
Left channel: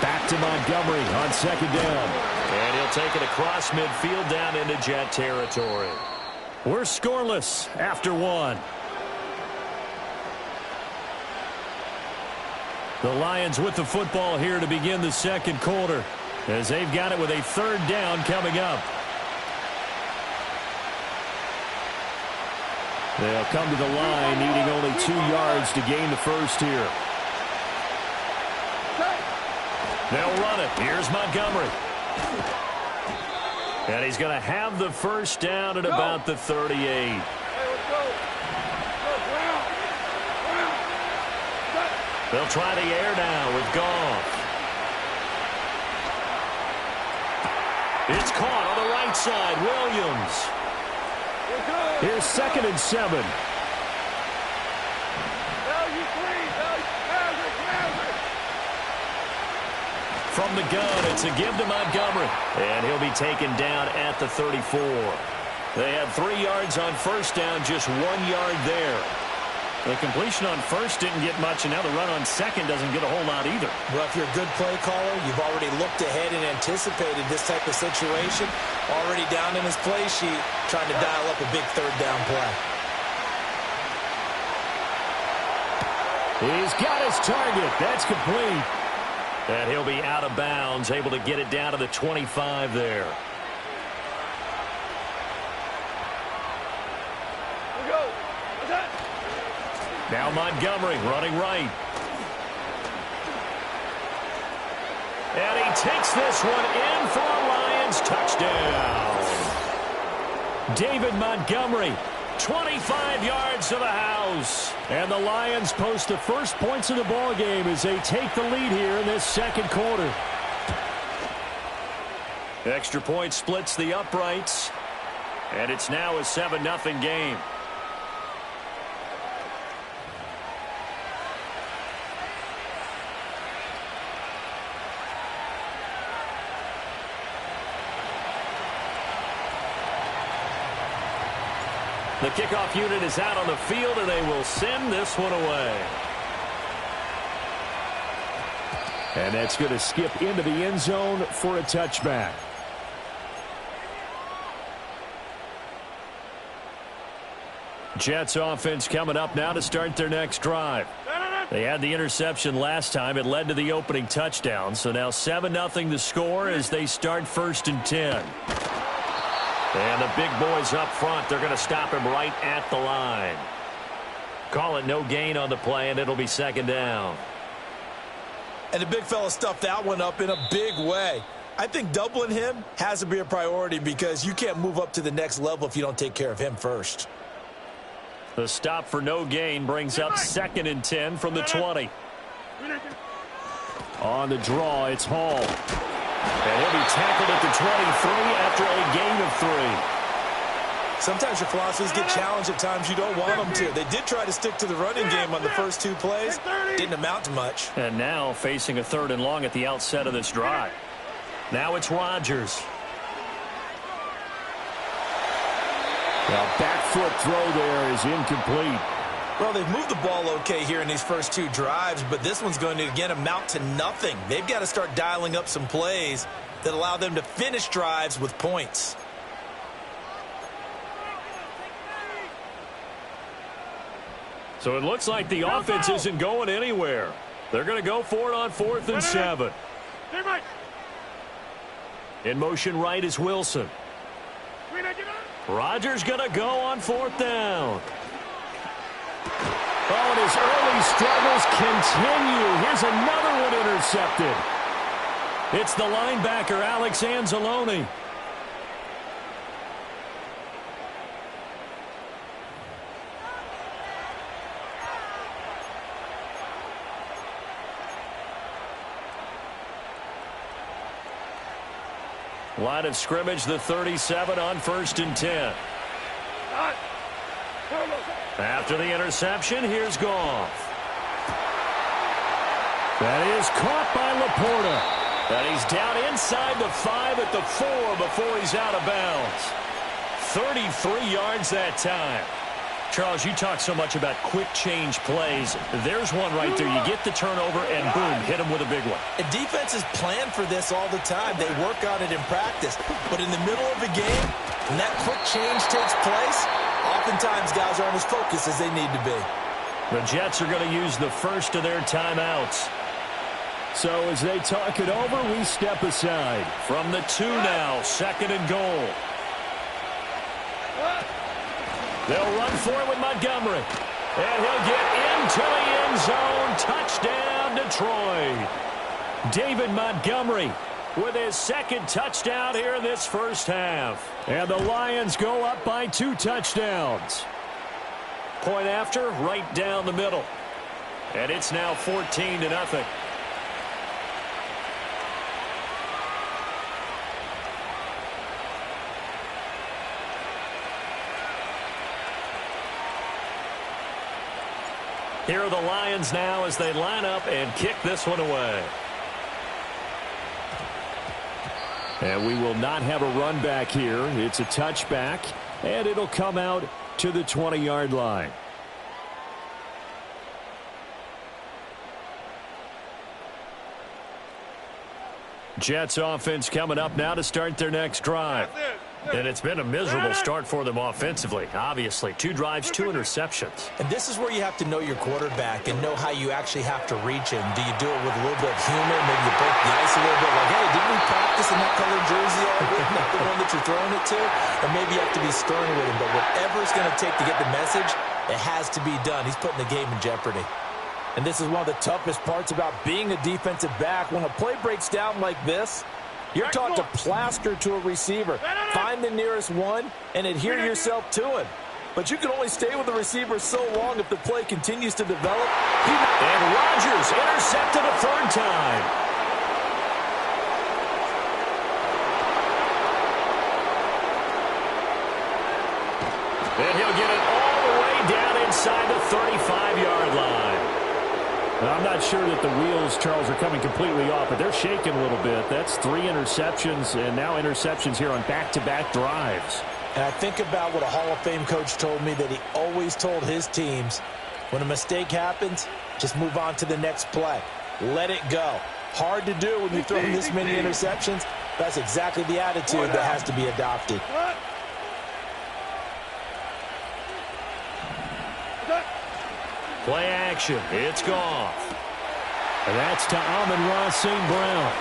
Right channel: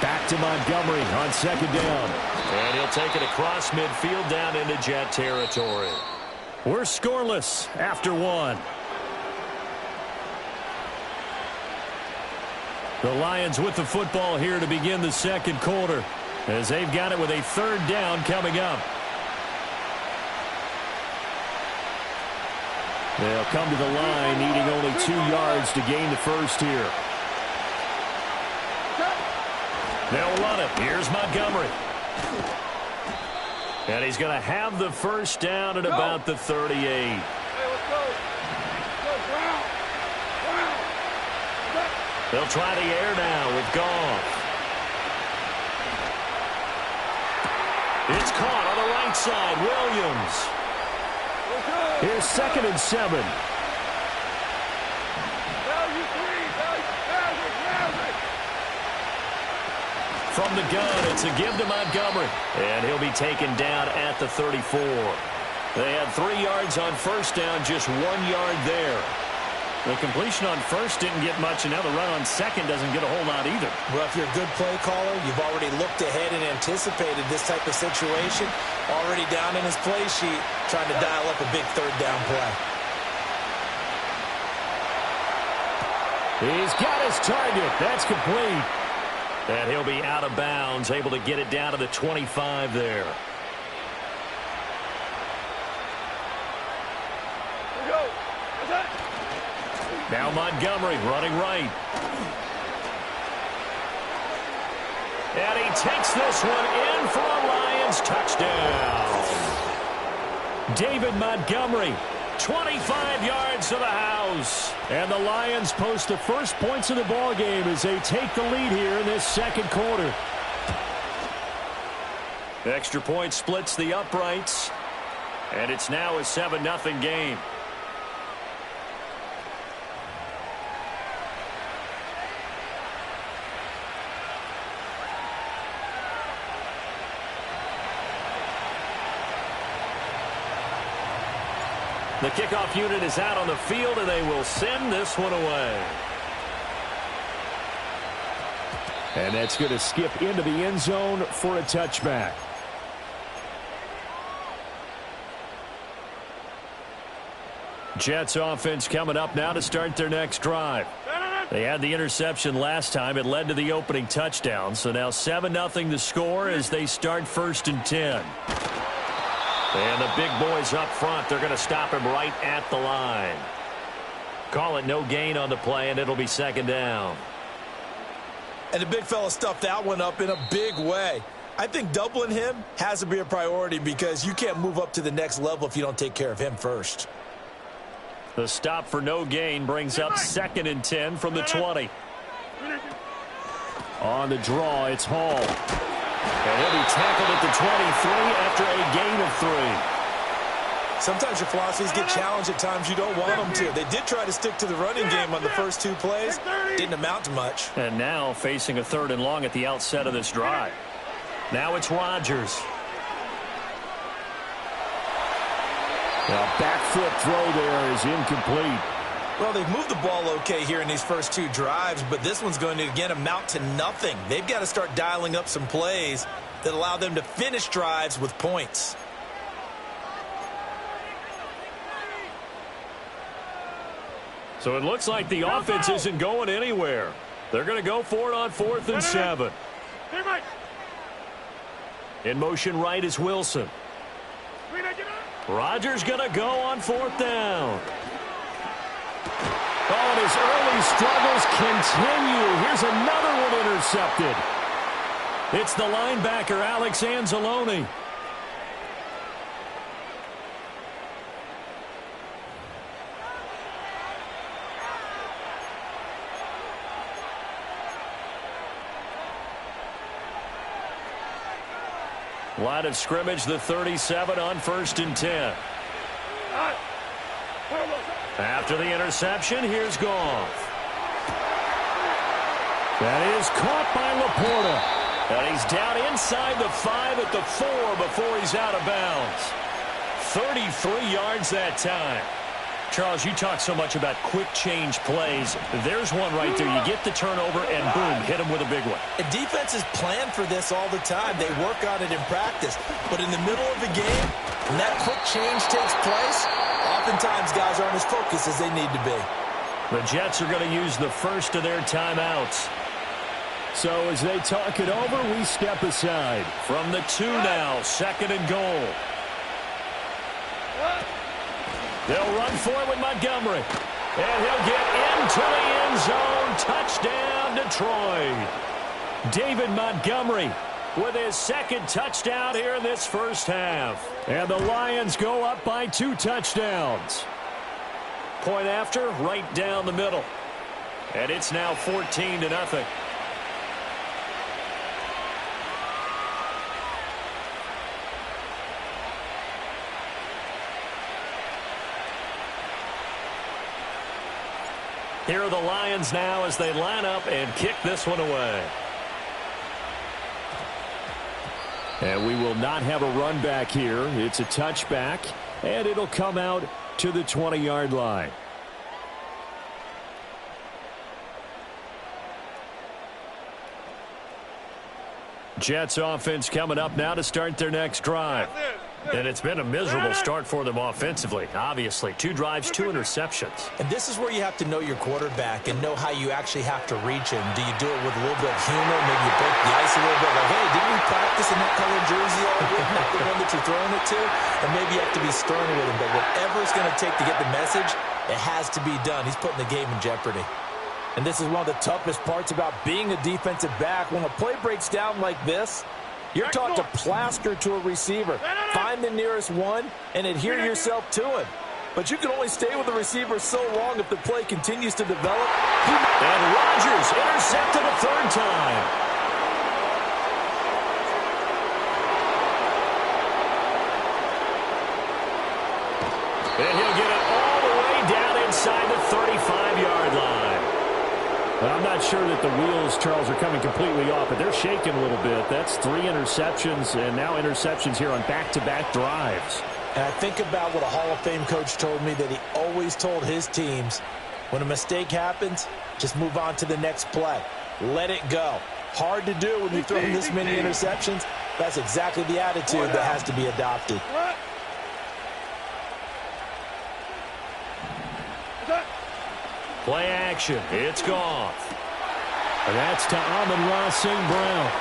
Back to Montgomery on 2nd down. And he'll take it across midfield down into Jet territory. We're scoreless after 1. The Lions with the football here to begin the 2nd quarter, as they've got it with a 3rd down coming up. They'll come to the line needing only 2 yards to gain the first here. They'll run it. Here's Montgomery. And he's going to have the first down at about the 38. Hey, let's go. Go, Brown. Brown. They'll try the air now with Goff. It's caught on the right side. Williams. Here's 2nd and 7. Value 3. Value. Maverick. From the gun, it's a give to Montgomery. And he'll be taken down at the 34. They had 3 yards on first down, just 1 yard there. The completion on first didn't get much, and now the run on second doesn't get a whole lot either. Well, if you're a good play caller, you've already looked ahead and anticipated this type of situation. Already down in his play sheet, trying to dial up a big 3rd down play. He's got his target. That's complete. And he'll be out of bounds, able to get it down to the 25 there. Here we go. What's that? Now Montgomery running right. And he takes this one in for a Lions touchdown. David Montgomery, 25 yards to the house. And the Lions post the first points of the ball game as they take the lead here in this 2nd quarter. Extra point splits the uprights. And it's now a 7-0 game. The kickoff unit is out on the field, and they will send this one away. And that's going to skip into the end zone for a touchback. Jets offense coming up now to start their next drive. They had the interception last time. It led to the opening touchdown. So now 7-0 the score as they start 1st and 10. And the big boys up front, they're going to stop him right at the line. Call it no gain on the play, and it'll be 2nd down. And the big fella stuffed that one up in a big way. I think doubling him has to be a priority because you can't move up to the next level if you don't take care of him first. The stop for no gain brings up 2nd and 10 from the 20. On the draw, it's Hall. And he'll be tackled at the 23 after a gain of 3. Sometimes your philosophies get challenged at times you don't want them to. They did try to stick to the running game on the first 2 plays. Didn't amount to much. And now facing a 3rd and long at the outset of this drive. Now it's Rodgers. The back foot throw there is incomplete. Well, they've moved the ball okay here in these first 2 drives, but this one's going to, again, amount to nothing. They've got to start dialing up some plays that allow them to finish drives with points. So it looks like the offense isn't going anywhere. They're going to go for it on 4th and 7. In motion right is Wilson. Rodgers going to go on 4th down. Oh, and his early struggles continue. Here's another one intercepted. It's the linebacker, Alex Anzalone. Line of scrimmage, the 37 on 1st and 10. After the interception, here's Goff. That is caught by Laporta. And he's down inside the 5 at the 4 before he's out of bounds. 33 yards that time. Charles, you talk so much about quick change plays. There's one right there. You get the turnover, and boom, hit him with a big one. And defenses plan for this all the time. They work on it in practice. But in the middle of a game, when that quick change takes place, oftentimes guys aren't as focused as they need to be. The Jets are going to use the first of their timeouts. So as they talk it over, we step aside. From the 2 now, 2nd and goal. They'll run for it with Montgomery. And he'll get into the end zone. Touchdown, Detroit. David Montgomery with his 2nd touchdown here in this first half. And the Lions go up by 2 touchdowns. Point after, right down the middle. And it's now 14-0. Here are the Lions now as they line up and kick this one away. And we will not have a run back here. It's a touchback, and it'll come out to the 20-yard line. Jets offense coming up now to start their next drive. And it's been a miserable start for them offensively. Obviously, 2 drives, 2 interceptions. And this is where you have to know your quarterback and know how you actually have to reach him. Do you do it with a little bit of humor? Maybe you break the ice a little bit like, hey, didn't we practice in that colored jersey all week? Not the one that you're throwing it to? Or maybe you have to be stern with him. But whatever it's going to take to get the message, it has to be done. He's putting the game in jeopardy. And this is one of the toughest parts about being a defensive back. When a play breaks down like this, you're taught to plaster to a receiver. Find the nearest one and adhere yourself to him. But you can only stay with the receiver so long if the play continues to develop. And Rodgers intercepted a 3rd time. And he'll get it all the way down inside the 35-yard line. I'm not sure that the wheels, Charles, are coming completely off, but they're shaking a little bit. That's 3 interceptions, and now interceptions here on back-to-back drives. And I think about what a Hall of Fame coach told me, that he always told his teams, when a mistake happens, just move on to the next play. Let it go. Hard to do when you throw this many interceptions. That's exactly the attitude that has to be adopted. Play action. It's Goff. And that's to Amon-Ra St. Brown.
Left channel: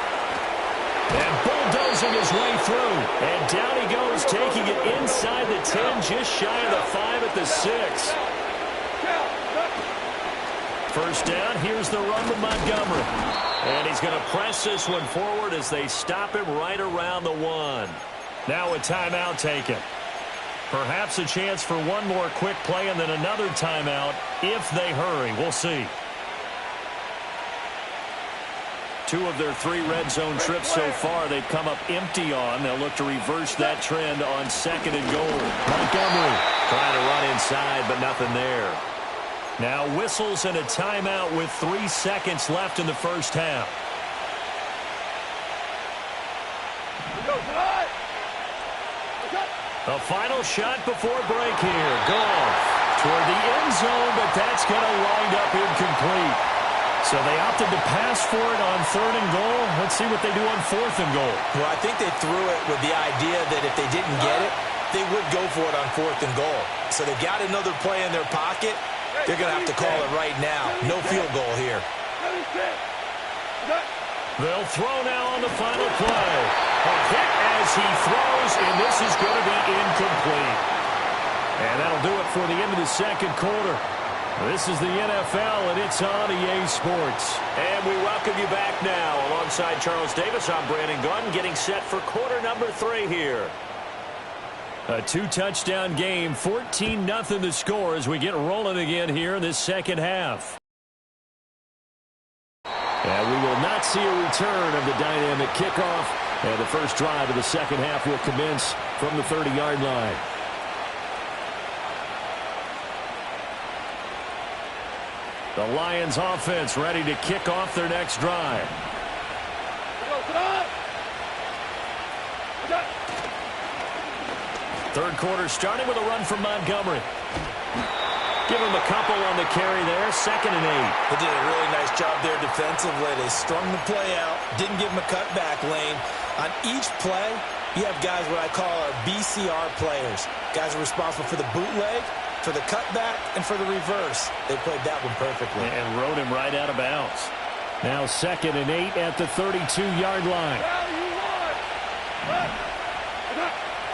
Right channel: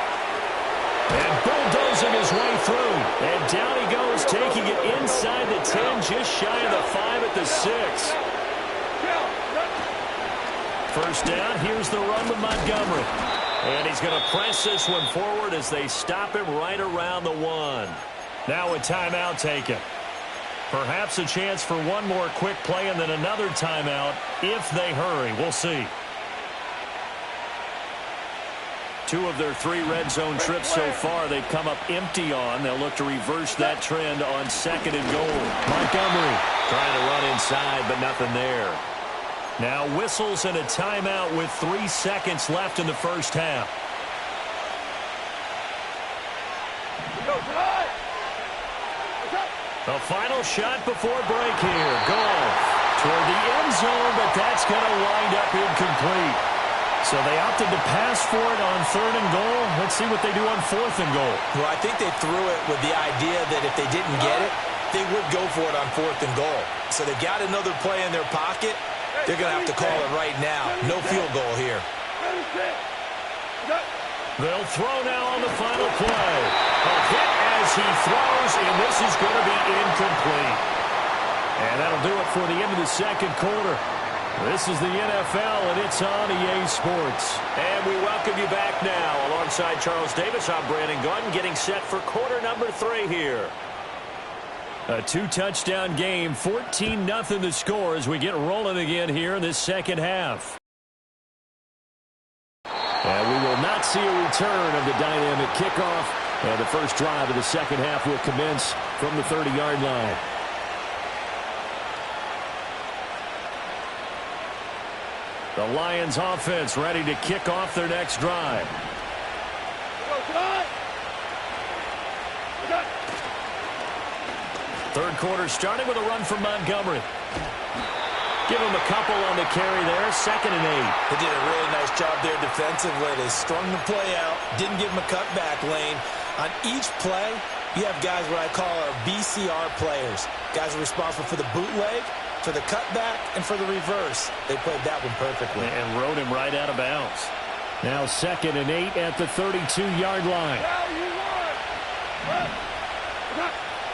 And bulldozing his way through. And down he goes, taking it inside the 10, just shy of the 5 at the 6. First down, here's the run with Montgomery. And he's going to press this one forward as they stop him right around the 1. Now a timeout taken. Perhaps a chance for one more quick play and then another timeout if they hurry. We'll see. 2 of their 3 red zone trips so far they've come up empty on. They'll look to reverse that trend on 2nd and goal. Montgomery trying to run inside, but nothing there. Now whistles and a timeout with 3 seconds left in the first half. A final shot before break here. Goff toward the end zone, but that's going to wind up incomplete. So they opted to pass for it on 3rd and goal. Let's see what they do on 4th and goal. Well, I think they threw it with the idea that if they didn't get it, they would go for it on 4th and goal. So they've got another play in their pocket. They're going to have to call it right now. No field goal here. They'll throw now on the final play. A hit as he throws, and this is going to be incomplete. And that'll do it for the end of the second quarter. This is the NFL, and it's on EA Sports. And we welcome you back now. Alongside Charles Davis, I'm Brandon Gunn, getting set for quarter number 3 here. A 2-touchdown game, 14-0 the score as we get rolling again here in this second half. And we will not see a return of the dynamic kickoff. And the first drive of the second half will commence from the 30-yard line. The Lions offense ready to kick off their next drive. Third quarter starting with a run from Montgomery. Give him a couple on the carry there. 2nd and 8. They did a really nice job there defensively. They strung the play out, didn't give him a cutback lane. On each play, you have guys what I call our BCR players. Guys are responsible for the bootleg, for the cutback, and for the reverse. They played that one perfectly. And rode him right out of bounds. Now 2nd and 8 at the 32-yard line.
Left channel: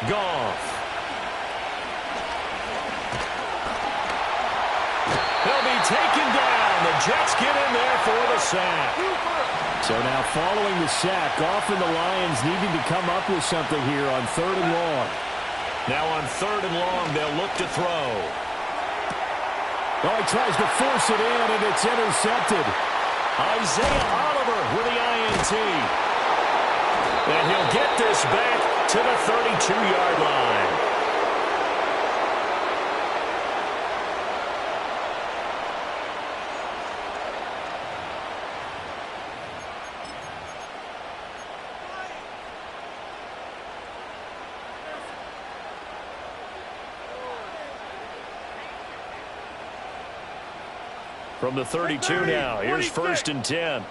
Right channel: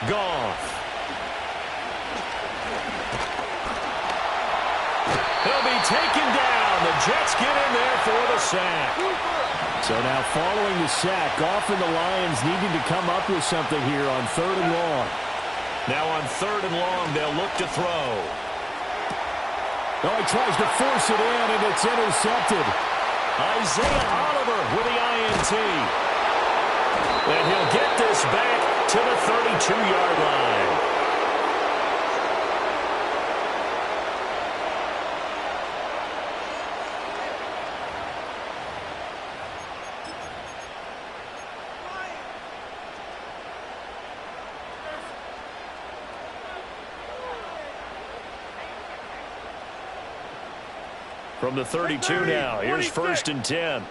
Goff. He'll be taken down. The Jets get in there for the sack. So now following the sack, Goff and the Lions needing to come up with something here on 3rd and long. Now on 3rd and long, they'll look to throw. Oh, he tries to force it in, and it's intercepted. Isaiah Oliver with the INT. And he'll get this back to the 32-yard line. From the 32 now, here's 1st and 10.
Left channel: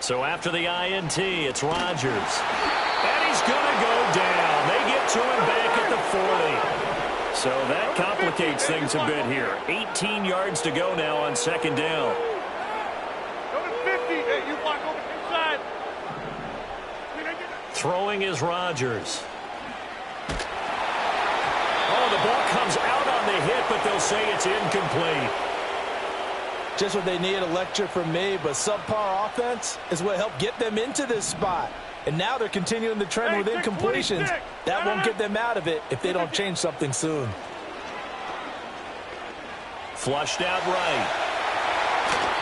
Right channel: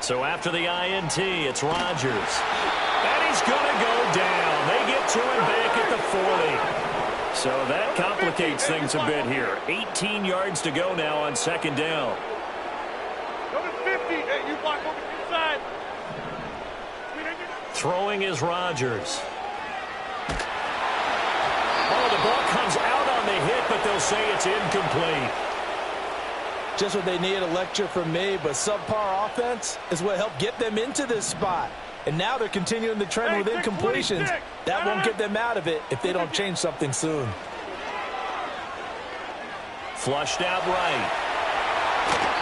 So after the INT, it's Rodgers. And he's going to go down. They get to him back at the 40. So that complicates things a bit here. 18 yards to go now on 2nd down. Go to 50. Hey, you block over inside. Throwing is Rodgers. Oh, the ball comes out on the hit, but they'll say it's incomplete. Just what they need, a lecture from me, but subpar offense is what helped get them into this spot. And now they're continuing the trend with incompletions. That won't get them out of it if they don't change something soon. Flushed out right.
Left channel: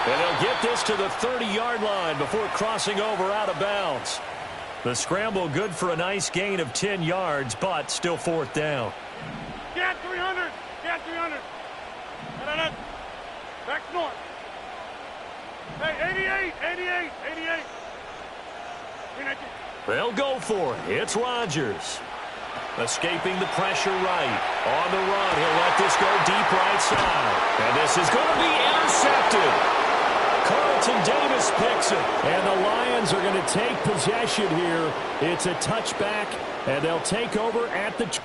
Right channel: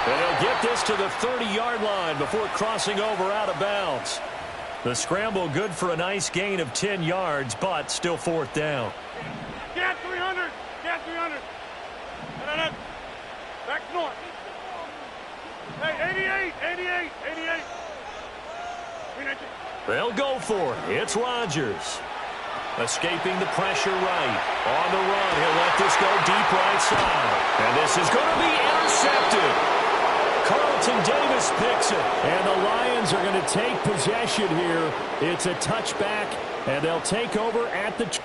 And they'll get this to the 30-yard line before crossing over out of bounds. The scramble good for a nice gain of 10 yards, but still 4th down. Get 300. Get 300. Back north. Hey, 88. 88. 88. They'll go for it. It's Rodgers. Escaping the pressure right. On the run, he'll let this go deep right side. And this is going to be intercepted. Carlton Davis picks it. And the Lions are going to take possession here. It's a touchback, and they'll take over at the...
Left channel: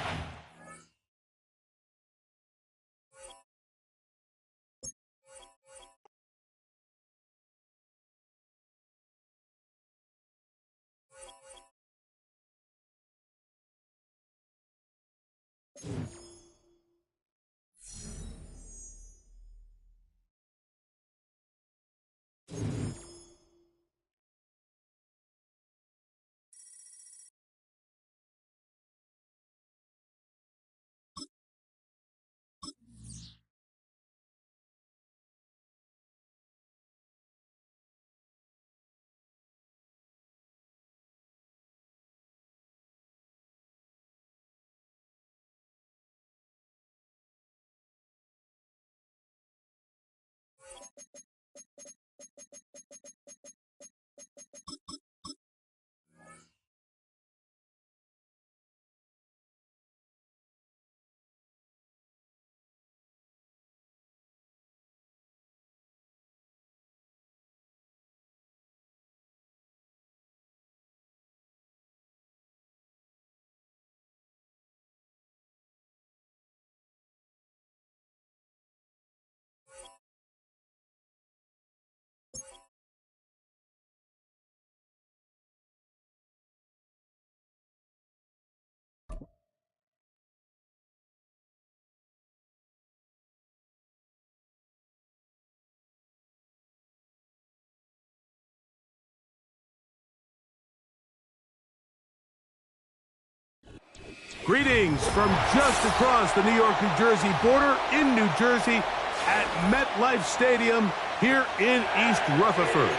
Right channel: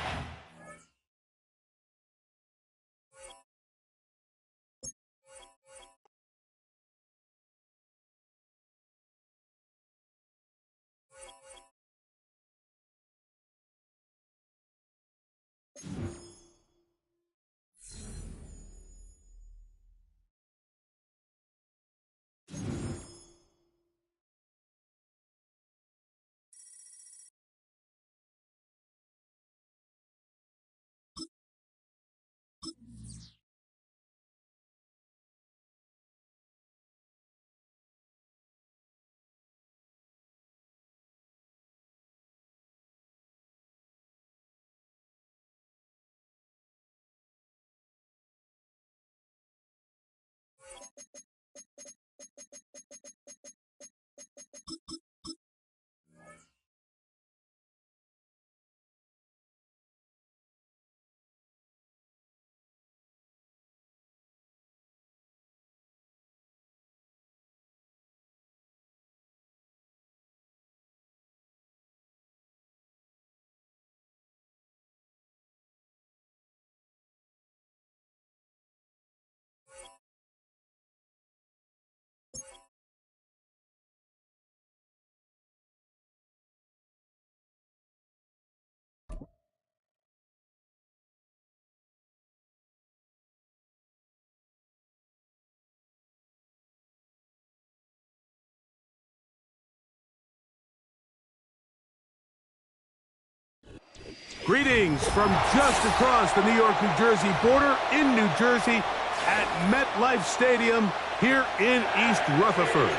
Greetings from just across the New York-New Jersey border in New Jersey at MetLife Stadium here in East Rutherford.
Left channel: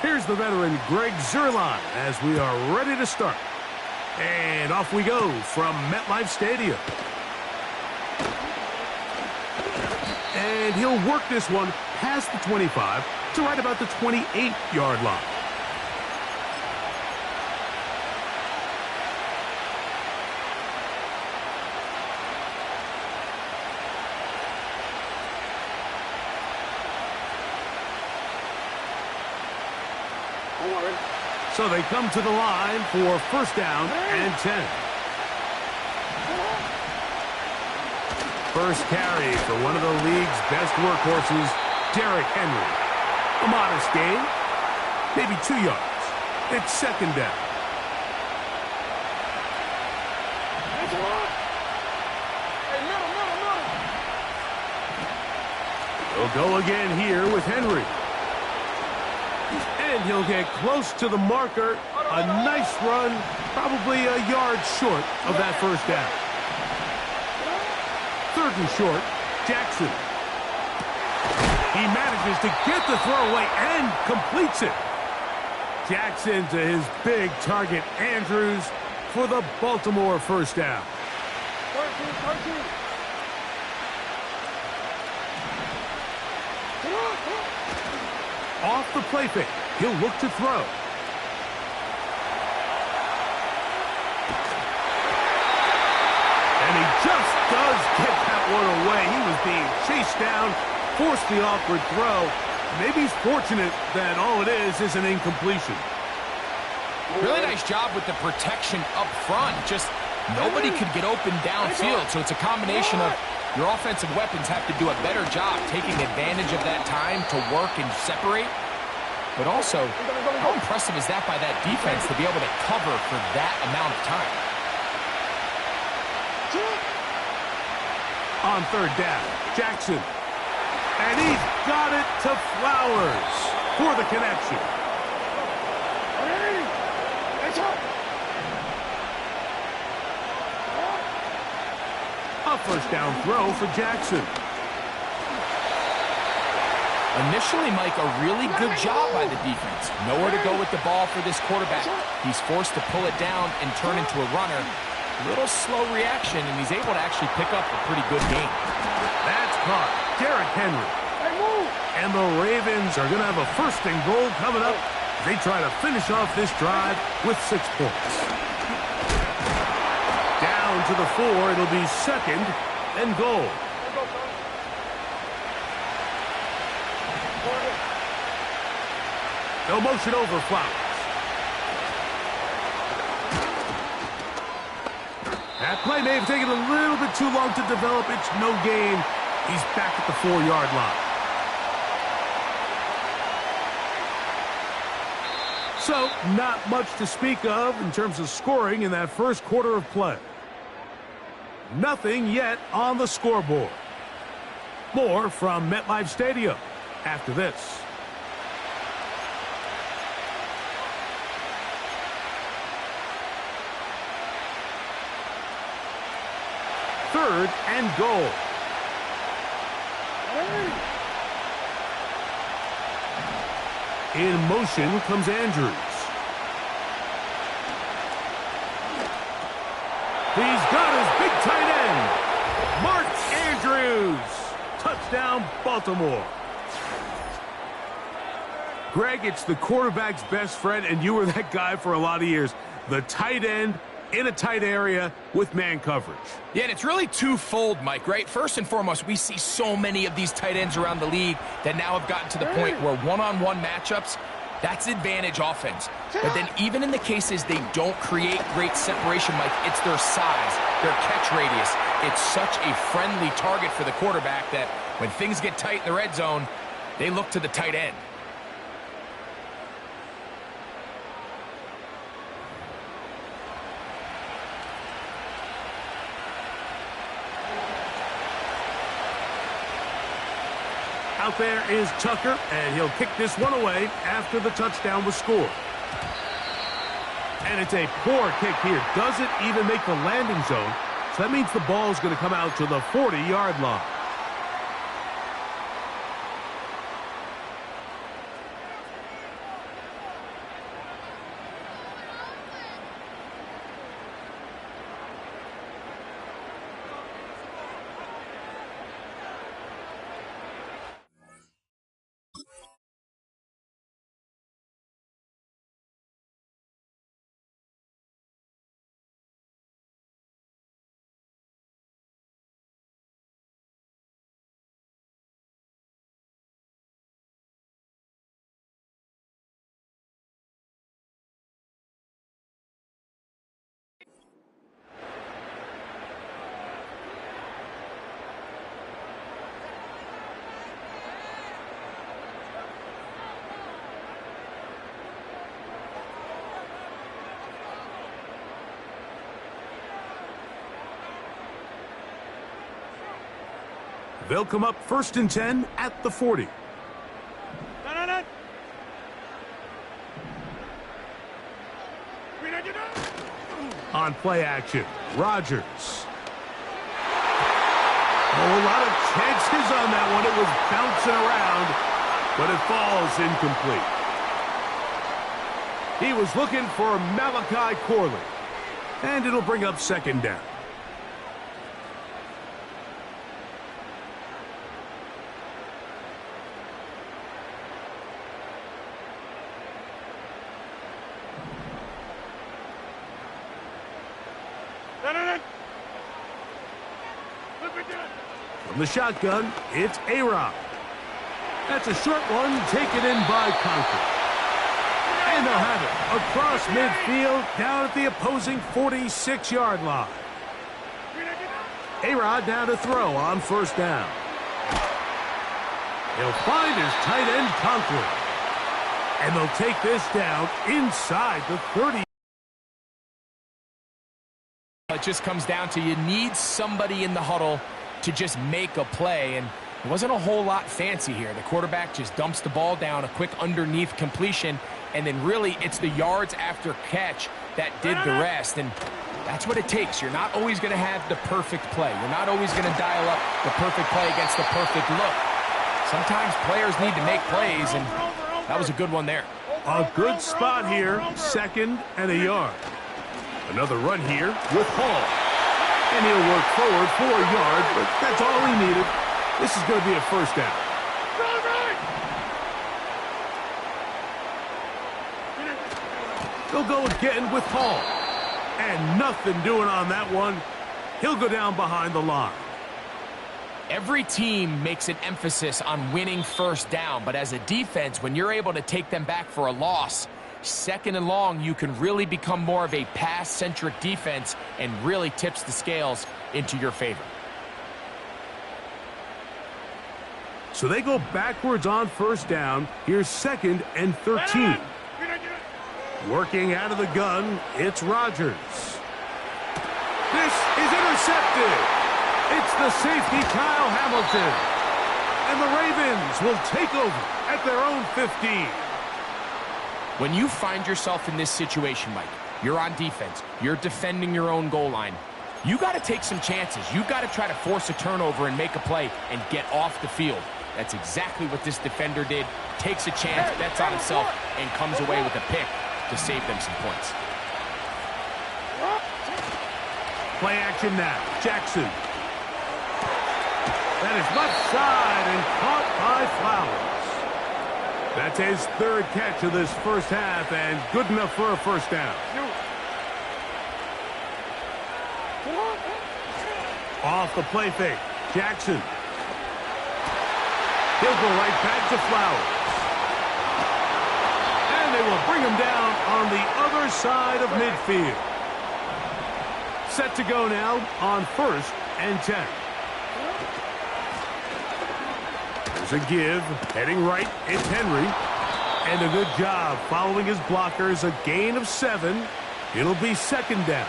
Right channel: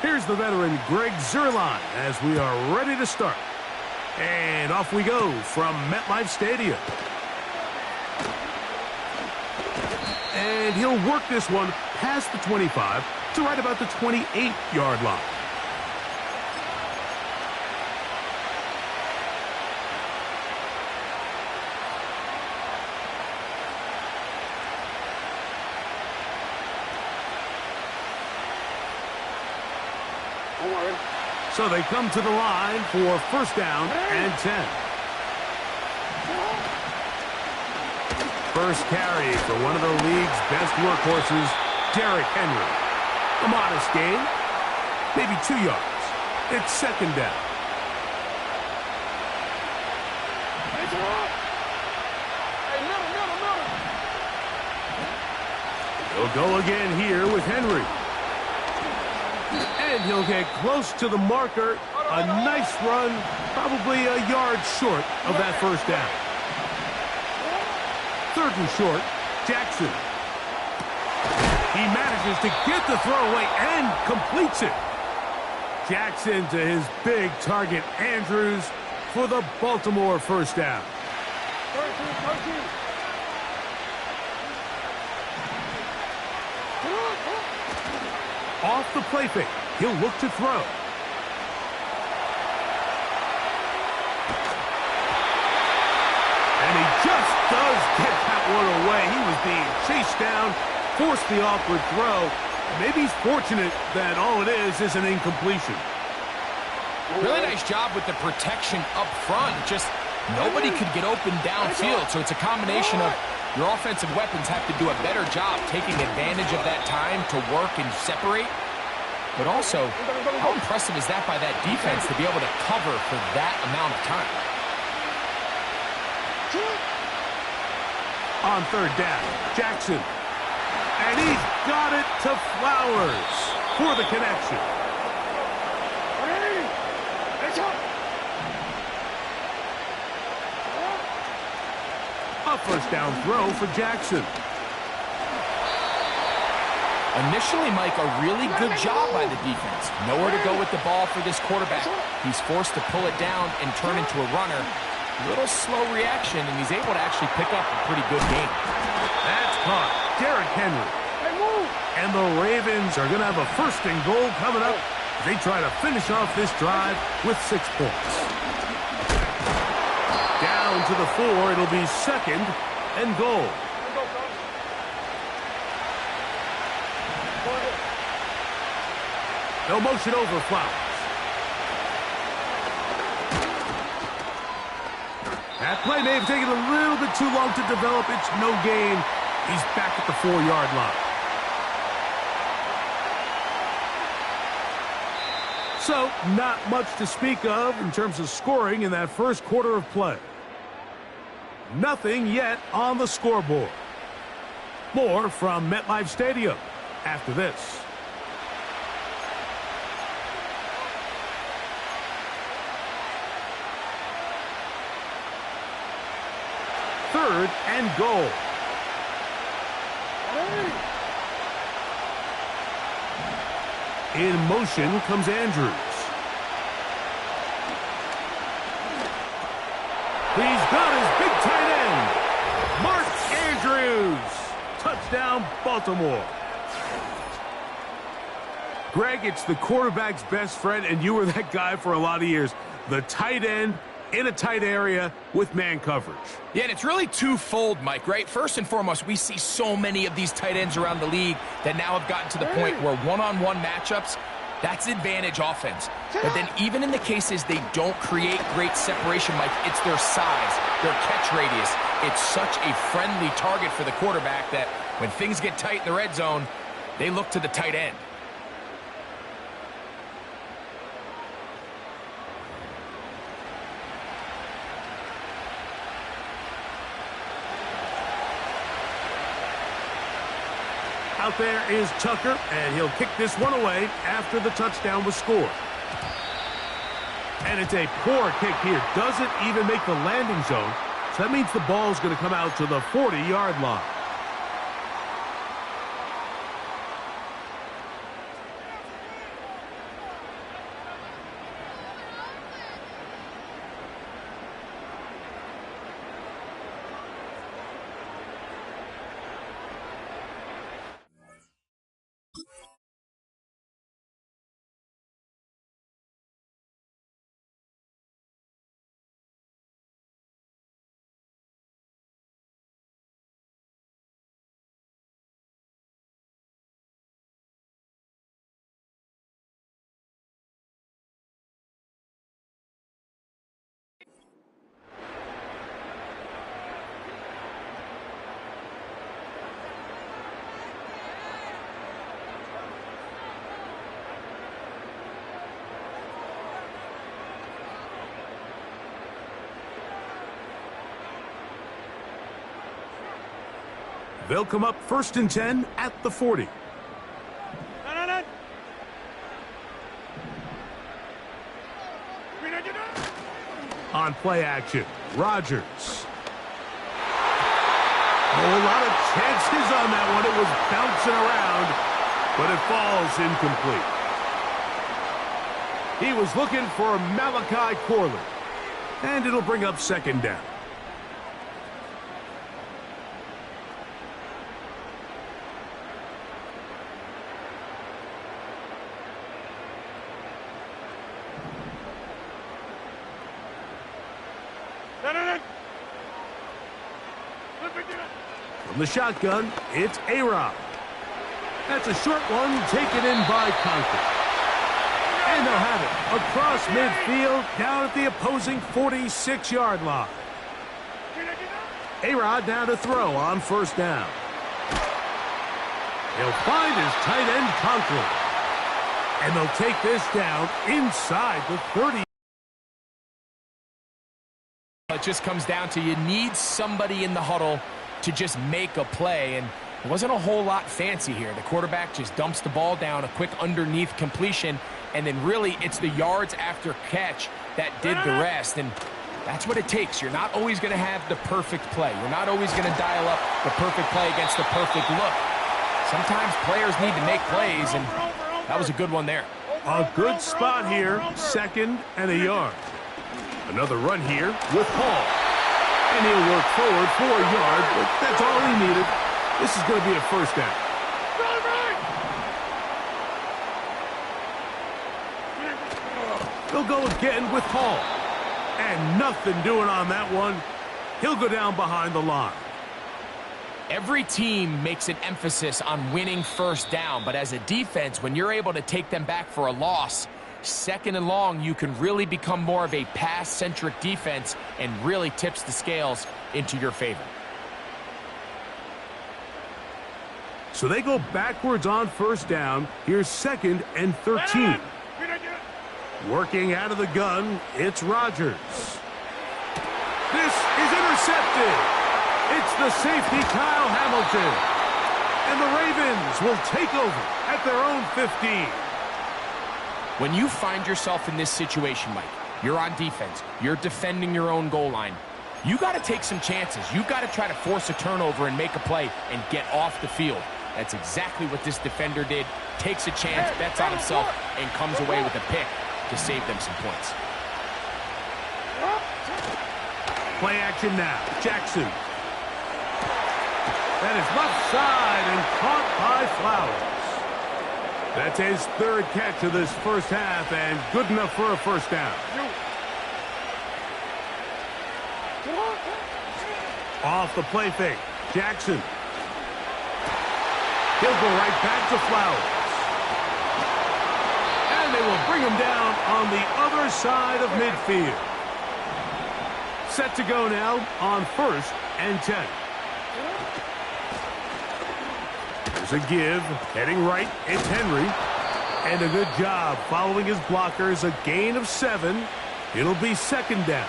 Here's the veteran Greg Zuerlein as we are ready to start. And off we go from MetLife Stadium. And he'll work this one past the 25 to right about the 28-yard line. Don't worry. So they come to the line for first down and 10. First carry for one of the league's best workhorses, Derrick Henry. A modest gain, maybe 2 yards. It's second down. He'll go again here with Henry. And he'll get close to the marker. A nice run, probably a yard short of that first down. Third and short, Jackson. He manages to get the throw away and completes it. Jackson to his big target, Andrews, for the Baltimore first down. 13. Off the play fake, he'll look to throw. And he just does get that one away. He was being chased down, forced the awkward throw. Maybe he's fortunate that all it is an incompletion. Really nice job with the protection up front. Just nobody could get open downfield, so it's a combination of your offensive weapons have to do a better job taking advantage of that time to work and separate. But also, how impressive is that by that defense to be able to cover for that amount of time? On third down, Jackson. And he's got it to Flowers for the connection. A first down throw for Jackson. Initially, Mike, a really good job by the defense. Nowhere to go with the ball for this quarterback. He's forced to pull it down and turn into a runner. A little slow reaction, and he's able to actually pick up a pretty good game. That's caught. Derrick Henry. And the Ravens are going to have a first and goal coming up. They try to finish off this drive with 6 points. Down to the 4. It'll be second and goal. They'll motion over Flowers. That play may have taken a little bit too long to develop. It's no gain. He's back at the 4-yard line. So, not much to speak of in terms of scoring in that first quarter of play. Nothing yet on the scoreboard. More from MetLife Stadium after this. Third and goal. In motion comes Andrews. He's got his big tight end. Mark Andrews. Touchdown, Baltimore. Greg, it's the quarterback's best friend, and you were that guy for a lot of years. The tight end in a tight area with man coverage. Yeah, and it's really twofold, Mike, right? First and foremost, we see so many of these tight ends around the league that now have gotten to the point where one-on-one matchups, that's advantage offense. But then even in the cases they don't create great separation, Mike, it's their size, their catch radius. It's such a friendly target for the quarterback that when things get tight in the red zone, they look to the tight end. Out there is Tucker, and he'll kick this one away after the touchdown was scored. And it's a poor kick here. Doesn't even make the landing zone. So that means the ball's going to come out to the 40-yard line. They'll come up 1st and 10 at the 40. On play action, Rodgers. Oh, a lot of chances on that one. It was bouncing around, but it falls incomplete. He was looking for Malachi Corley, and it'll bring up 2nd down. From the shotgun, it's A-Rod. That's a short one taken in by Conklin. And they'll have it across midfield down at the opposing 46-yard line. A-Rod now to throw on 1st down. He'll find his tight end Conklin. And they'll take this down inside the 30. It just comes down to you need somebody in the huddle to just make a play, and it wasn't a whole lot fancy here. The quarterback just dumps the ball down, a quick underneath completion, and then really it's the yards after catch that did the rest, and that's what it takes. You're not always going to have the perfect play. You're not always going to dial up the perfect play against the perfect look. Sometimes players need to make plays, and that was a good one there. A good spot here, 2nd and a yard. Another run here with Hall. And he'll work forward for a yard, but that's all he needed. This is going to be a 1st down. They'll go again with Hall. And nothing doing on that one. He'll go down behind the line. Every team makes an emphasis on winning 1st down, but as a defense, when you're able to take them back for a loss, 2nd and long, you can really become more of a pass-centric defense and really tips the scales into your favor. So they go backwards on 1st down. Here's 2nd and 13. Working out of the gun, it's Rodgers. This is intercepted. It's the safety, Kyle Hamilton. And the Ravens will take over at their own 15. When you find yourself in this situation, Mike, you're on defense, you're defending your own goal line, you got to take some chances. You got to try to force a turnover and make a play and get off the field. That's exactly what this defender did. Takes a chance, bets on himself, and comes away with a pick to save them some points. Play action now. Jackson. That is left side and caught by Flowers. That's his third catch of this first half and good enough for a first down. Off the play fake. Jackson. He'll go right back to Flowers. And they will bring him down on the other side of midfield. Set to go now on 1st and 10. There's a give. Heading right, it's Henry. And a good job following his blockers. A gain of 7. It'll be 2nd down.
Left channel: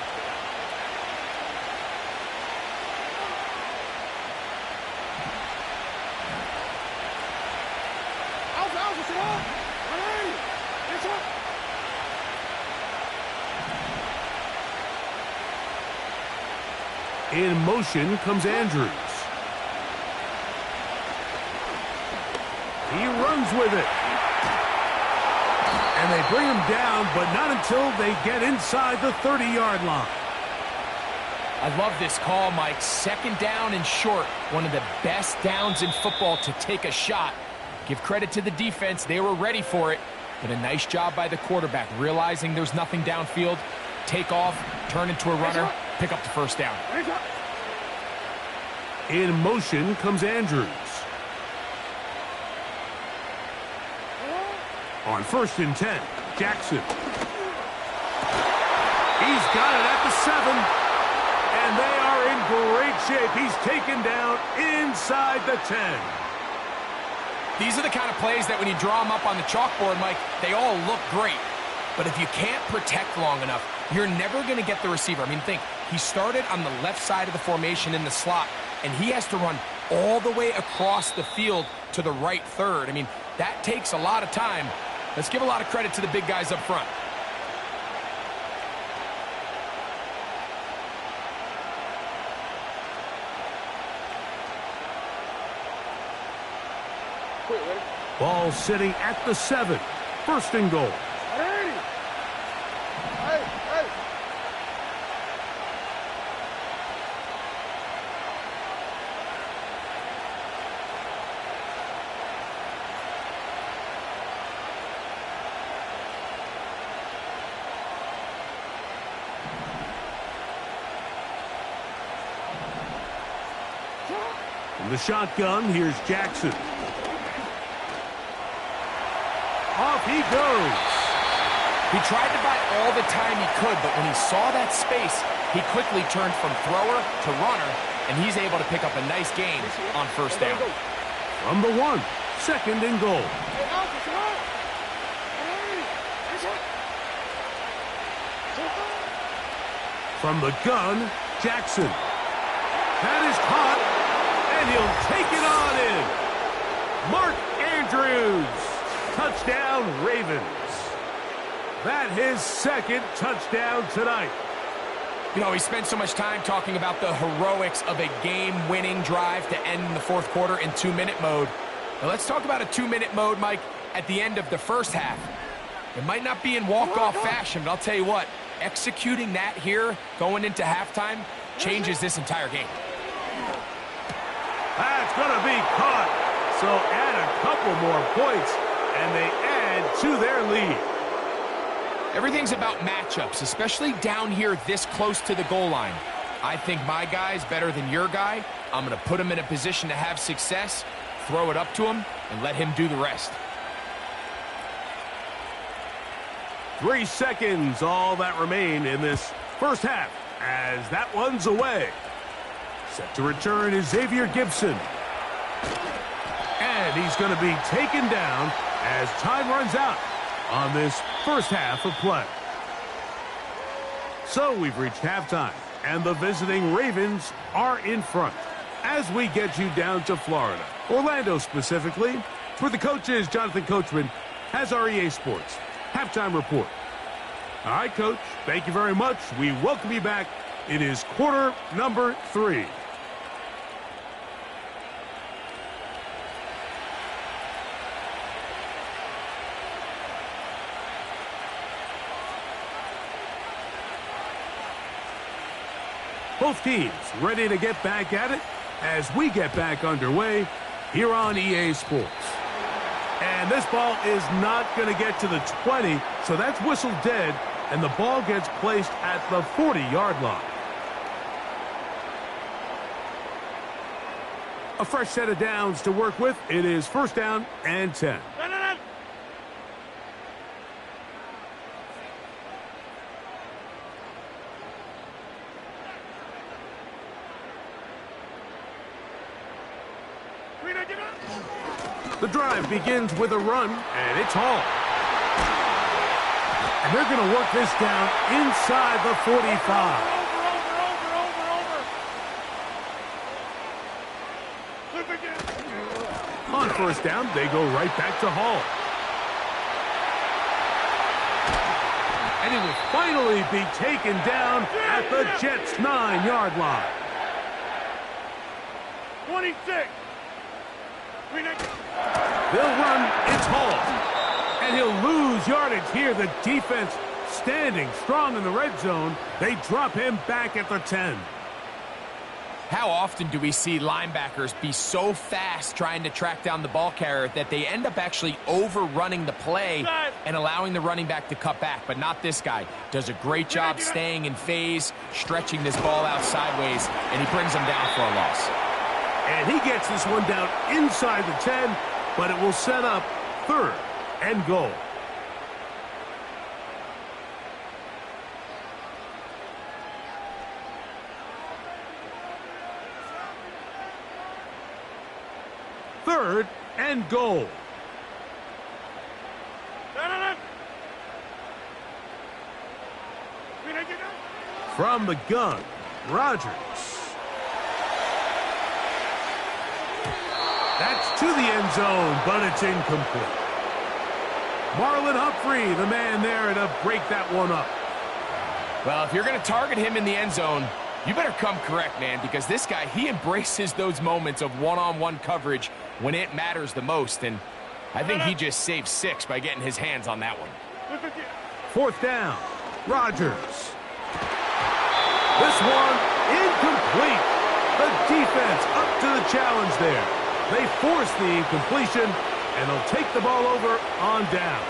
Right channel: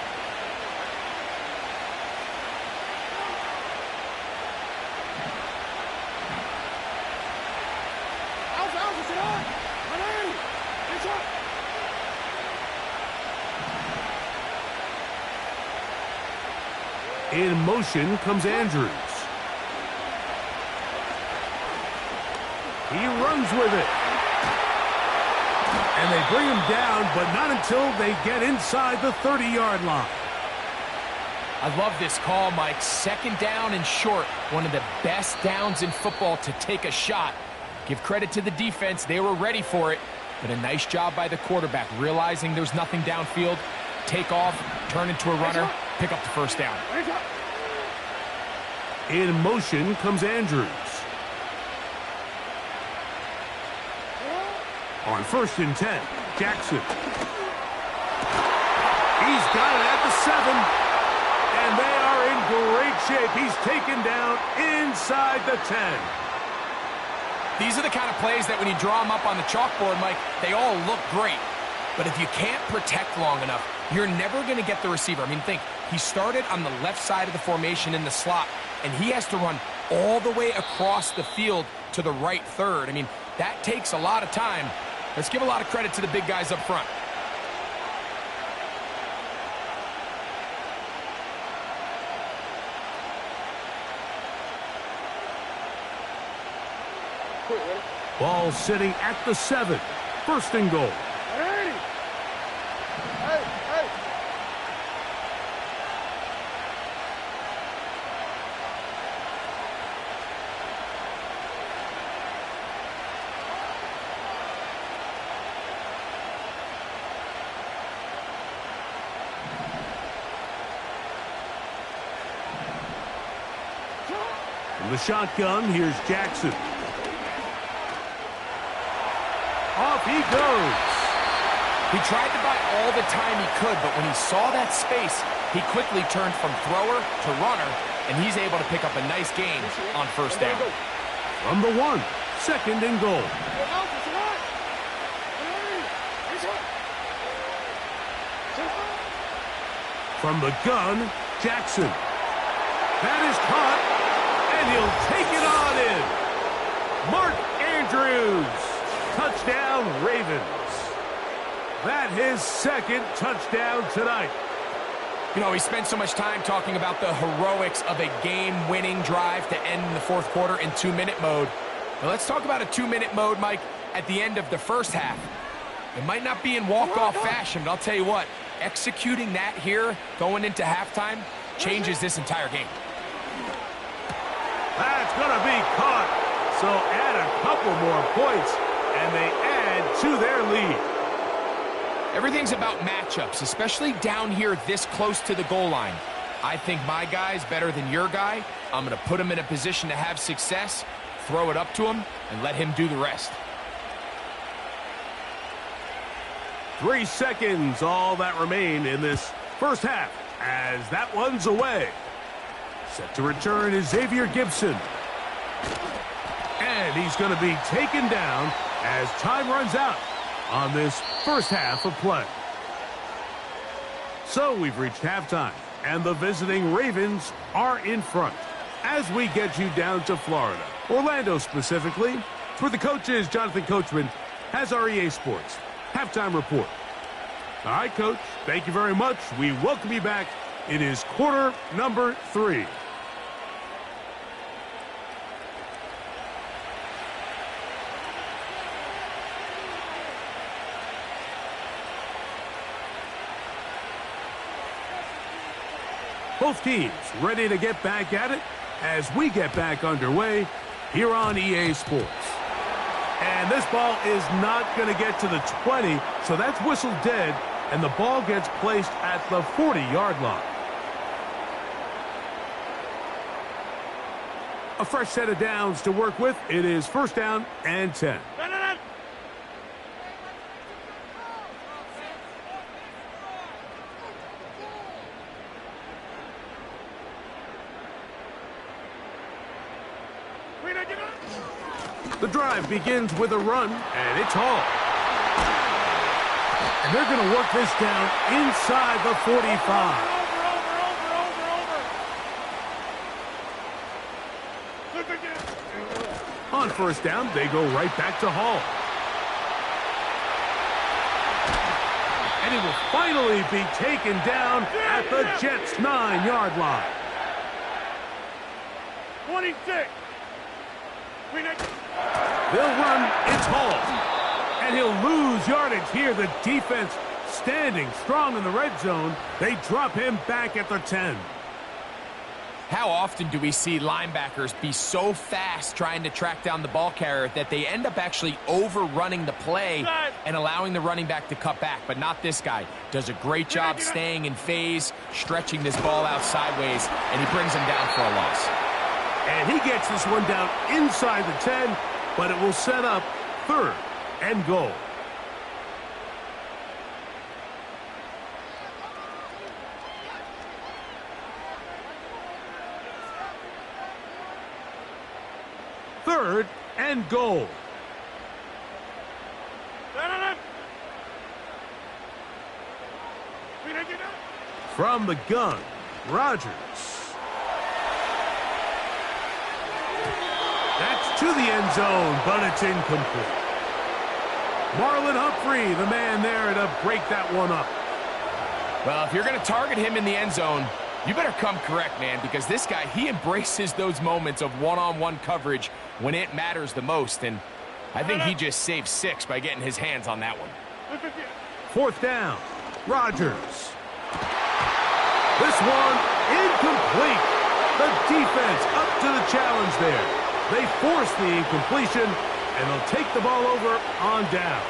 In motion comes Andrews. He runs with it. And they bring him down, but not until they get inside the 30-yard line. I love this call, Mike. 2nd down and short. One of the best downs in football to take a shot. Give credit to the defense. They were ready for it. But a nice job by the quarterback, realizing there's nothing downfield. Take off, turn into a runner, pick up the first down. In motion comes Andrews. On 1st and 10, Jackson. He's got it at the 7. And they are in great shape. He's taken down inside the 10. These are the kind of plays that when you draw them up on the chalkboard, Mike, they all look great. But if you can't protect long enough, you're never going to get the receiver. I mean, think, he started on the left side of the formation in the slot, and he has to run all the way across the field to the right third. I mean, that takes a lot of time. Let's give a lot of credit to the big guys up front. Ball sitting at the 7. 1st and goal. From the shotgun, here's Jackson. Off he goes. He tried to buy all the time he could, but when he saw that space, he quickly turned from thrower to runner, and he's able to pick up a nice gain on 1st down. From the 1, 2nd and goal. From the gun, Jackson. That is caught, and he'll take it on in. Mark Andrews. Touchdown, Ravens. That his 2nd touchdown tonight. You know, we spent so much time talking about the heroics of a game-winning drive to end in the 4th quarter in 2-minute mode. Now let's talk about a 2-minute mode, Mike, at the end of the first half. It might not be in walk-off fashion, but I'll tell you what, executing that here going into halftime changes this entire game. That's going to be caught. So add a couple more points, and they add to their lead. Everything's about matchups, especially down here this close to the goal line. I think my guy's better than your guy. I'm going to put him in a position to have success, throw it up to him, and let him do the rest. 3 seconds, all that remain in this first half, as that one's away. Set to return is Xavier Gibson. And he's going to be taken down as time runs out on this first half of play. So we've reached halftime, and the visiting Ravens are in front. As we get you down to Florida, Orlando specifically, for the coaches, Jonathan Coachman has our EA Sports halftime report. All right, Coach, thank you very much. We welcome you back. It is quarter number 3. Both teams ready to get back at it as we get back underway here on EA Sports. And this ball is not going to get to the 20, so that's whistled dead, and the ball gets placed at the 40-yard line. A fresh set of downs to work with. It is first down and 10. The drive begins with a run, and it's Hall. And they're going to work this down inside the 45. On first down, they go right back to Hall. And it will finally be taken down at the Jets' 9-yard line. 26. They'll run, it's Hall. And he'll lose yardage here. The defense standing strong in the red zone. They drop him back at the 10. How often do we see linebackers be so fast trying to track down the ball carrier that they end up actually overrunning the play and allowing the running back to cut back? But not this guy. Does a great job staying in phase, stretching this ball out sideways, and he brings him down for a loss. And he gets this one down inside the 10, but it will set up third and goal. Third and goal. From the gun, Rodgers. That's to the end zone, but it's incomplete. Marlon Humphrey, the man there to break that one up. Well, if you're going to target him in the end zone, you better come correct, man, because this guy, he embraces those moments of one-on-one coverage when it matters the most, and I think he just saved 6 by getting his hands on that one. Fourth down, Rodgers. This one incomplete. The defense up to the challenge there. They force the incompletion, and they'll take the ball over on down.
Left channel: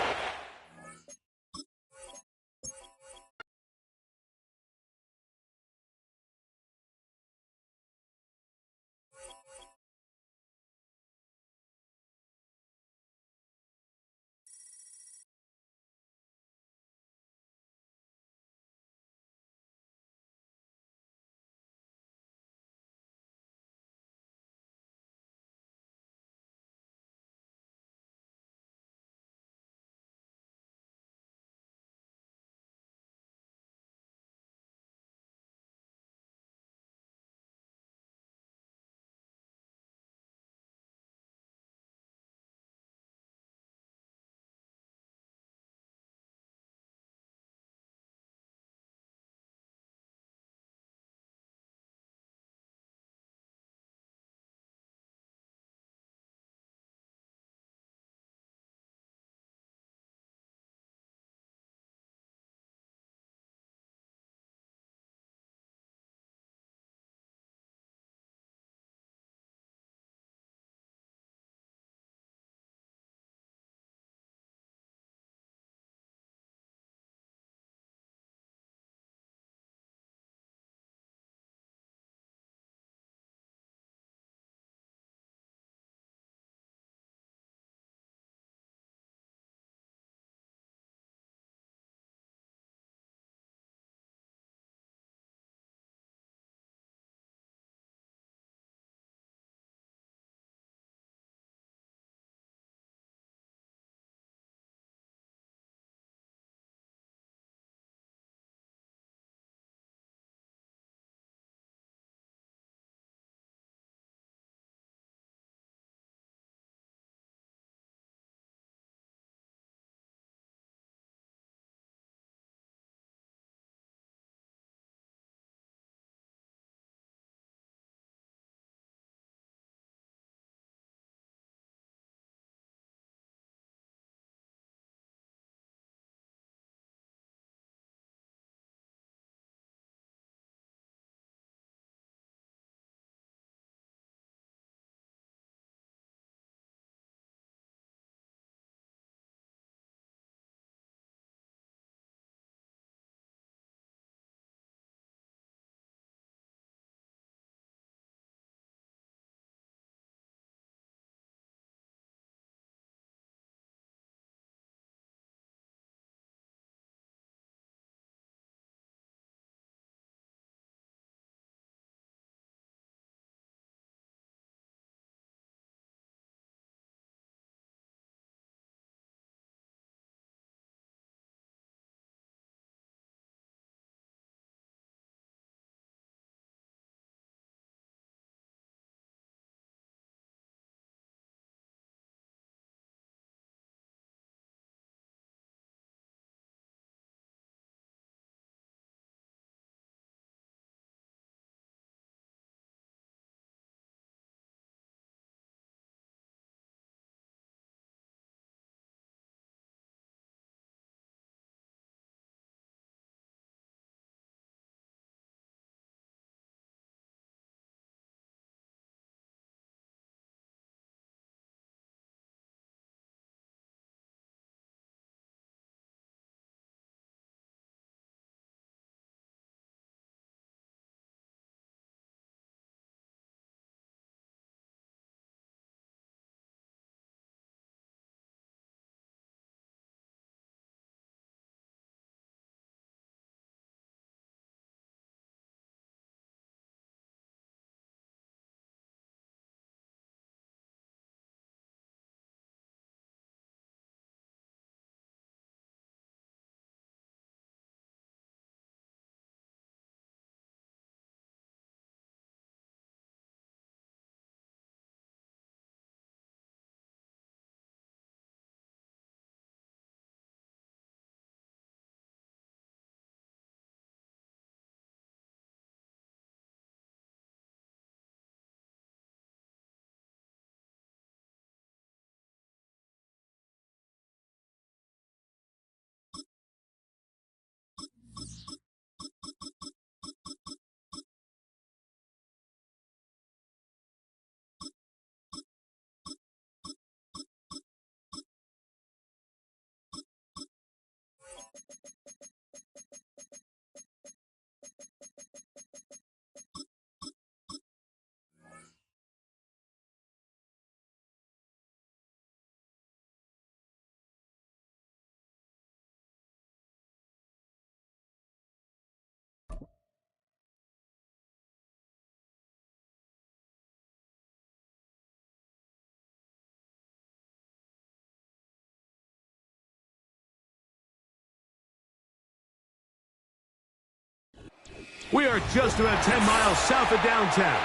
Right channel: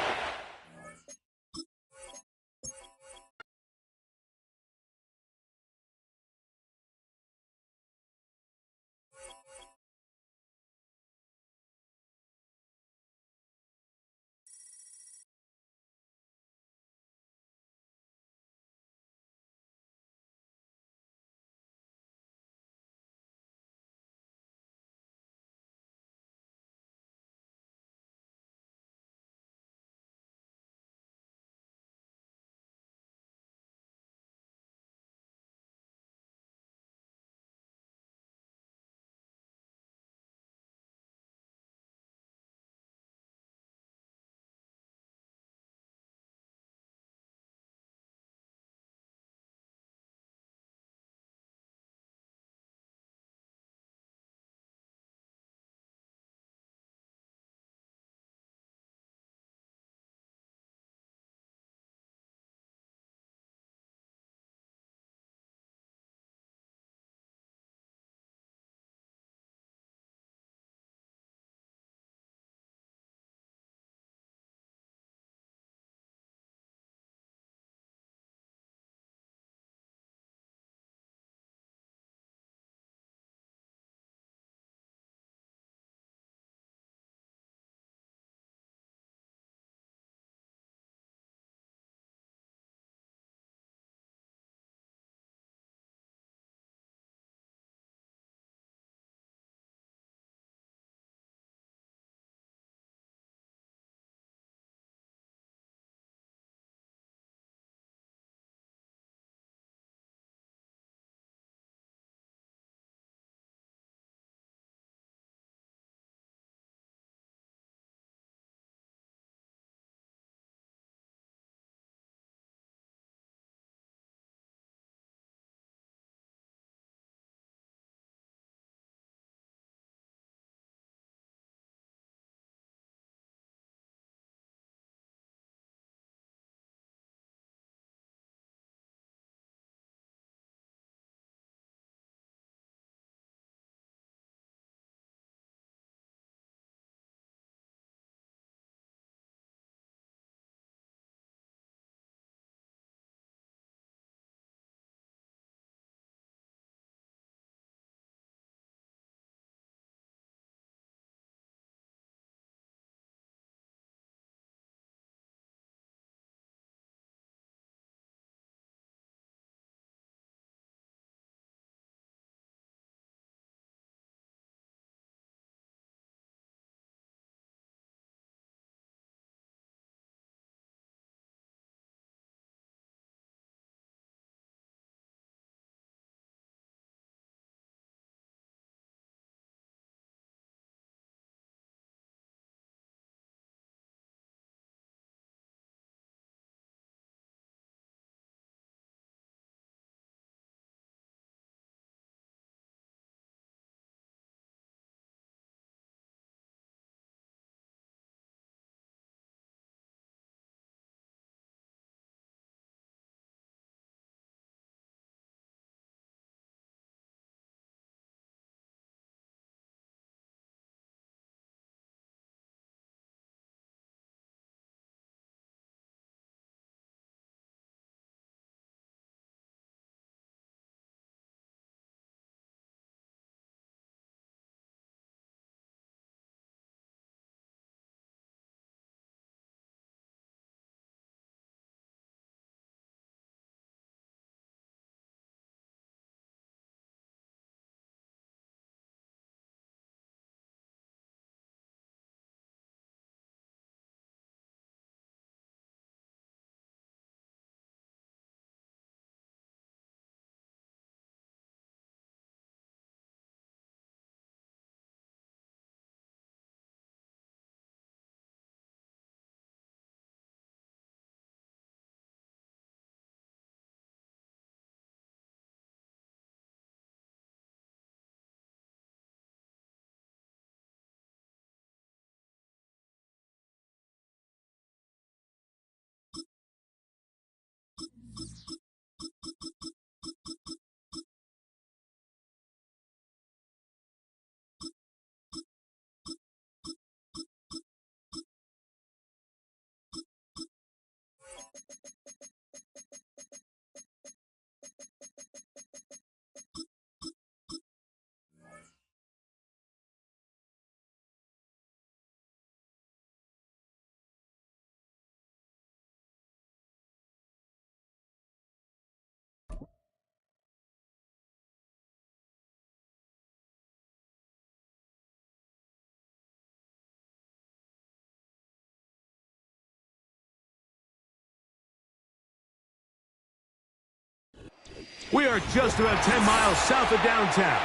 We are just about 10 miles south of downtown.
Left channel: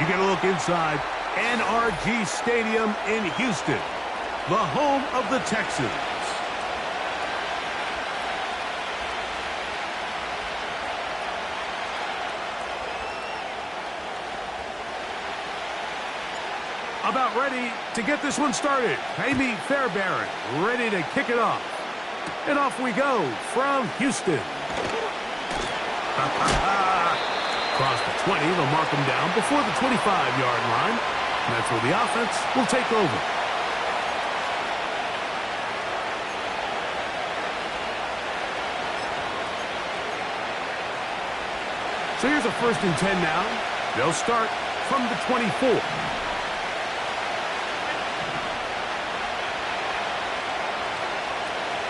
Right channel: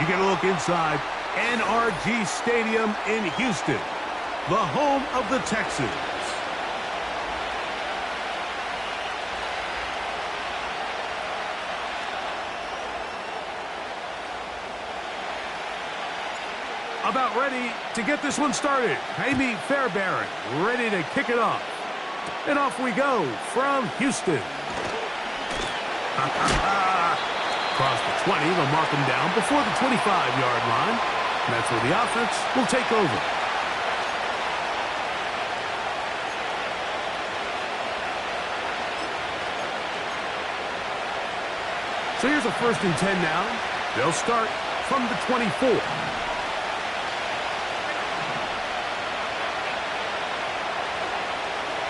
You get a look inside NRG Stadium in Houston, the home of the Texans. About ready to get this one started. Amy Fairbairn ready to kick it off. And off we go from Houston. Across the 20, they'll mark him down before the 25-yard line. And that's where the offense will take over. So here's a 1st and 10 now. They'll start from the 24.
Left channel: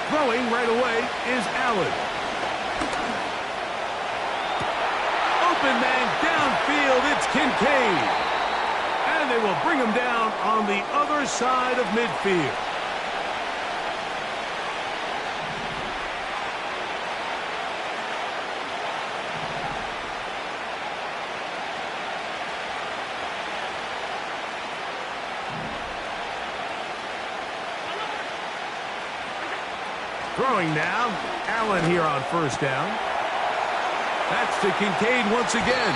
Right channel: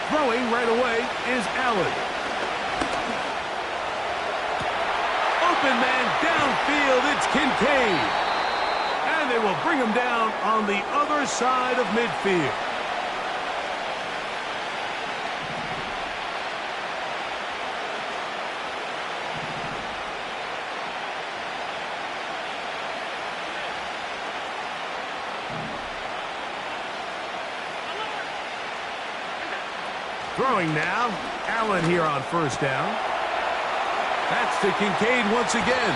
Throwing right away is Allen. Open man downfield, it's Kincaid. And they will bring him down on the other side of midfield. Throwing now, Allen here on 1st down. That's to Kincaid once again.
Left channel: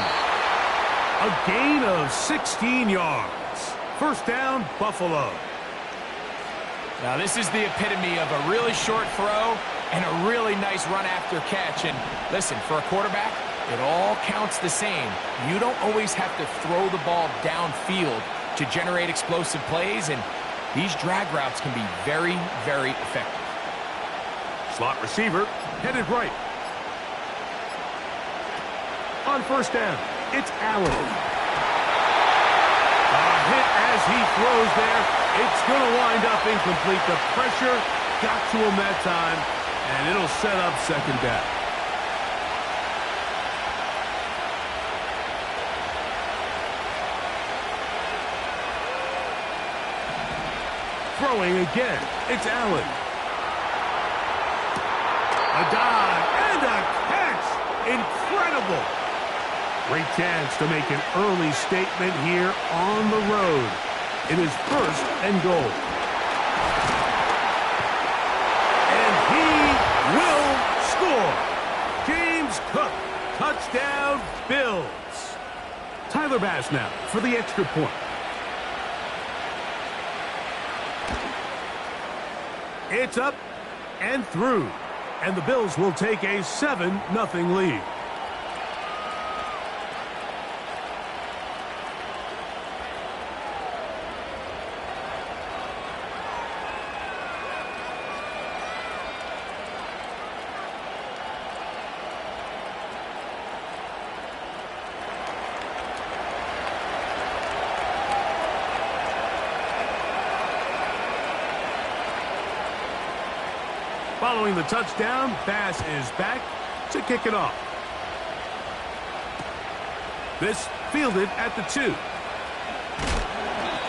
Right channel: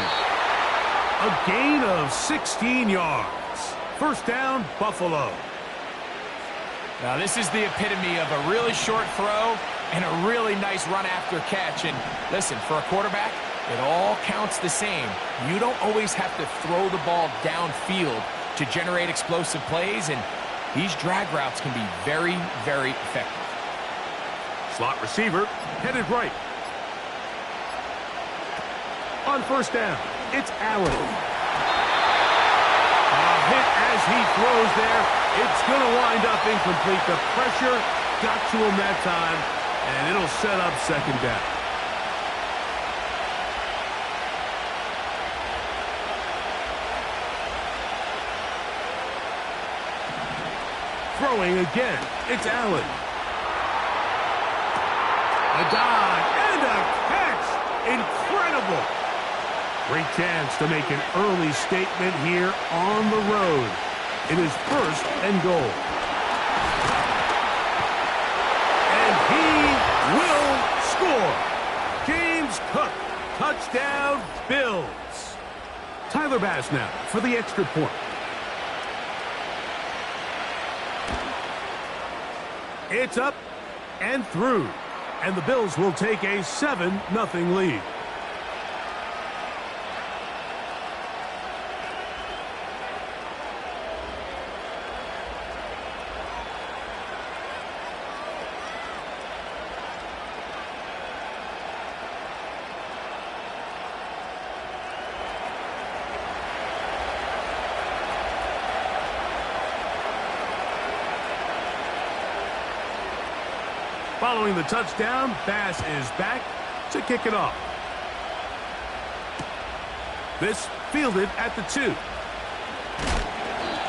A gain of 16 yards. 1st down, Buffalo. Now, this is the epitome of a really short throw and a really nice run after catch. And listen, for a quarterback, it all counts the same. You don't always have to throw the ball downfield to generate explosive plays, and these drag routes can be very, very effective. Slot receiver headed right. On 1st down, it's Allen. A hit as he throws there. It's going to wind up incomplete. The pressure got to him that time, and it'll set up 2nd down. Throwing again, it's Allen. A dive and a catch. Incredible. Great chance to make an early statement here on the road. It is 1st and goal. And he will score. James Cook, touchdown Bills. Tyler Bass now for the extra point. It's up and through. And the Bills will take a 7-0 lead. Following the touchdown, Bass is back to kick it off. This fielded at the 2.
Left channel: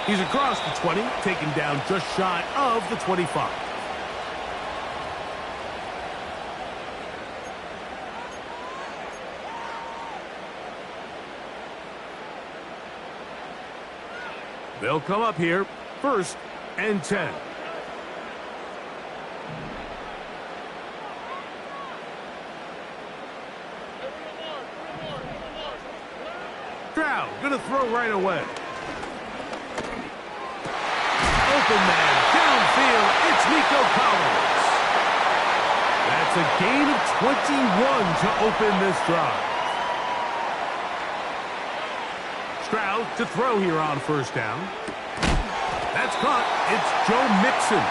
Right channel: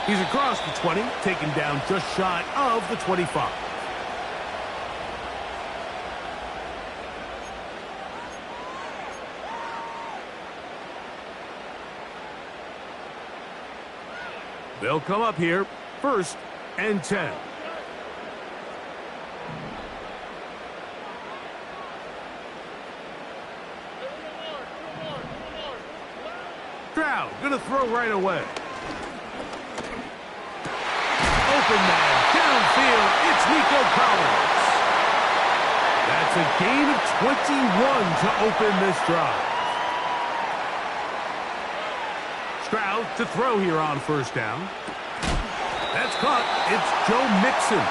He's across the 20, taken down just shy of the 25. They'll come up here, 1st and 10. Stroud going to throw right away. Open man, downfield, it's Nico Collins. That's a gain of 21 to open this drive. Stroud to throw here on 1st down. That's caught. It's Joe Mixon.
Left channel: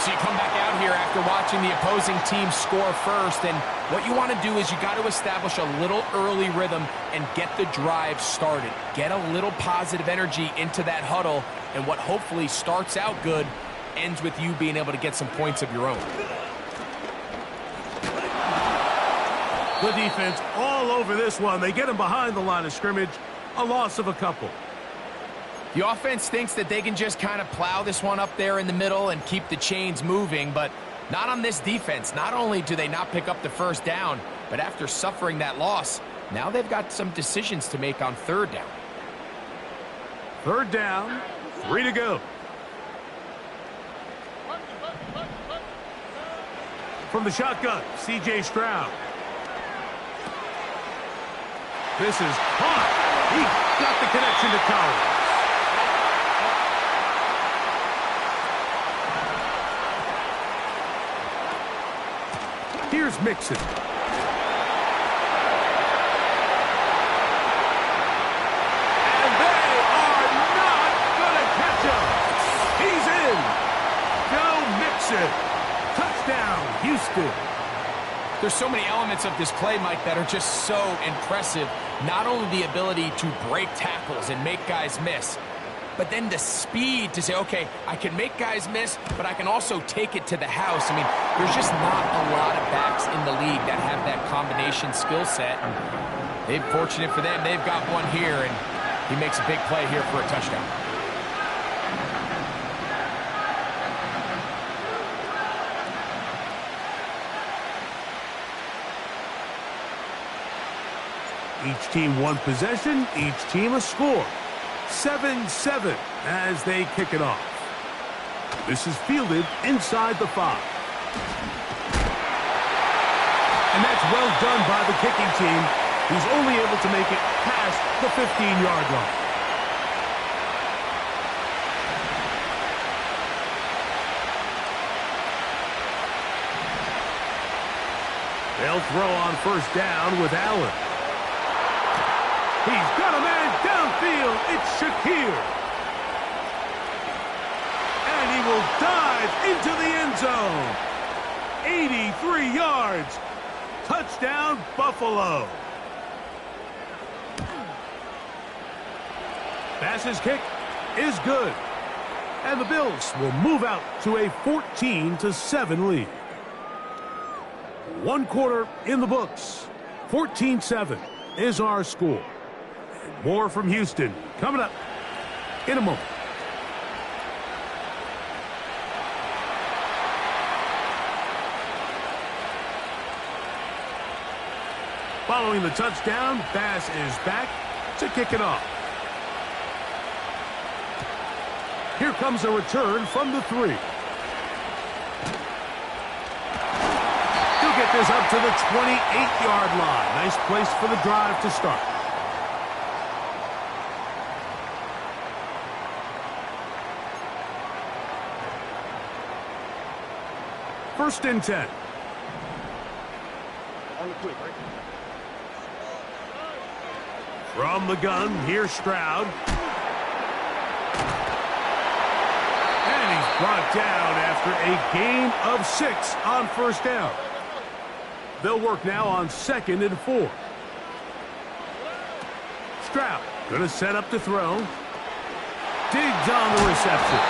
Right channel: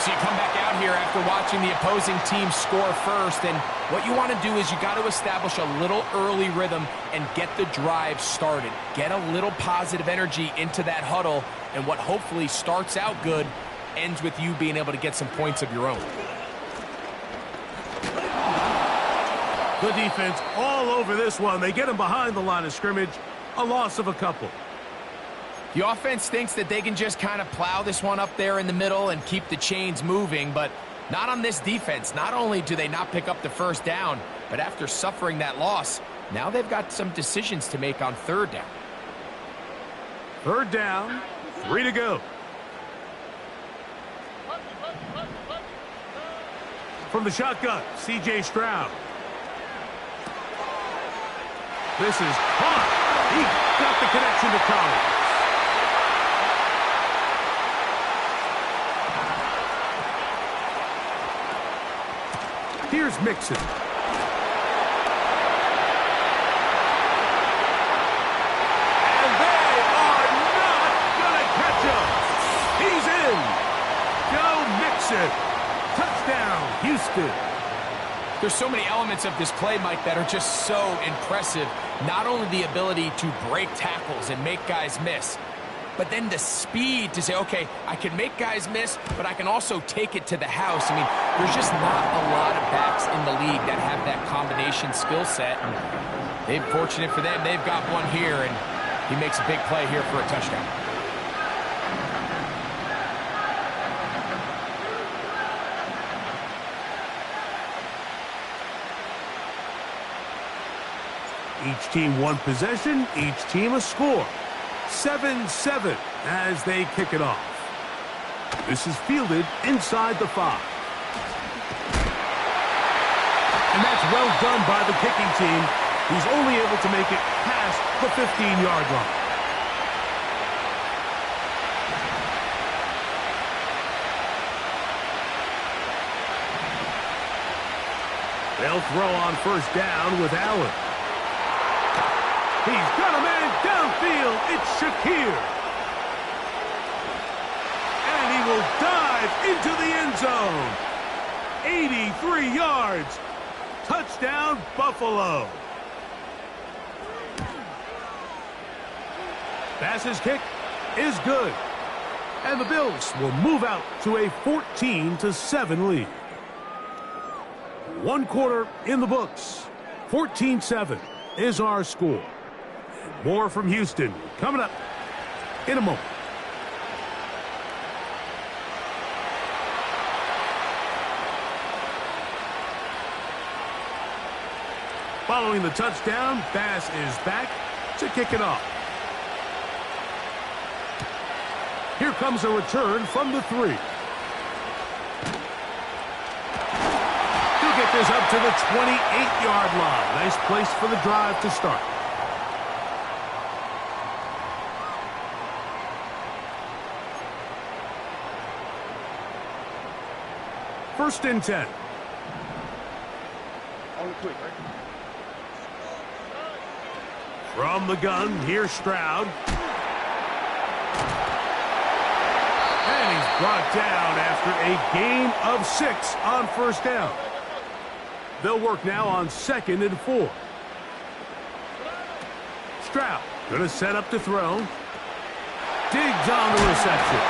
So you come back out here after watching the opposing team score first, and what you want to do is you got to establish a little early rhythm and get the drive started. Get a little positive energy into that huddle, and what hopefully starts out good ends with you being able to get some points of your own. The defense all over this one. They get him behind the line of scrimmage. A loss of a couple. The offense thinks that they can just kind of plow this one up there in the middle and keep the chains moving, but not on this defense. Not only do they not pick up the 1st down, But after suffering that loss, now they've got some decisions to make on third down. Third down, 3 to go. From the shotgun, C.J. Stroud. This is caught. He got the connection to Collins. Here's Mixon. And they are not going to catch him. He's in. Go Mixon. Touchdown, Houston. There's so many elements of this play, Mike, that are just so impressive. Not only the ability to break tackles and make guys miss, but then the speed to say, okay, I can make guys miss, but I can also take it to the house. I mean, there's just not a lot of backs in the league that have that combination skill set. And they're fortunate for them. They've got one here, and he makes a big play here for a touchdown. Each team one possession, each team a score. 7-7 as they kick it off. This is fielded inside the 5. And that's well done by the kicking team, who's only able to make it past the 15-yard line. They'll throw on first down with Allen. He's got a man downfield. It's Shakir. And he will dive into the end zone. 83 yards. Touchdown, Buffalo. Bass's kick is good. And the Bills will move out to a 14-7 lead. One quarter in the books. 14-7 is our score. More from Houston coming up in a moment. Following the touchdown, Bass is back to kick it off. Here comes a return from the 3. He'll get this up to the 28-yard line. Nice place for the drive to start. First and 10. On the quick, right? From the gun, here's Stroud. And he's brought down after a gain of 6 on first down. They'll work now on 2nd and 4. Stroud going to set up to throw. Digs on the reception.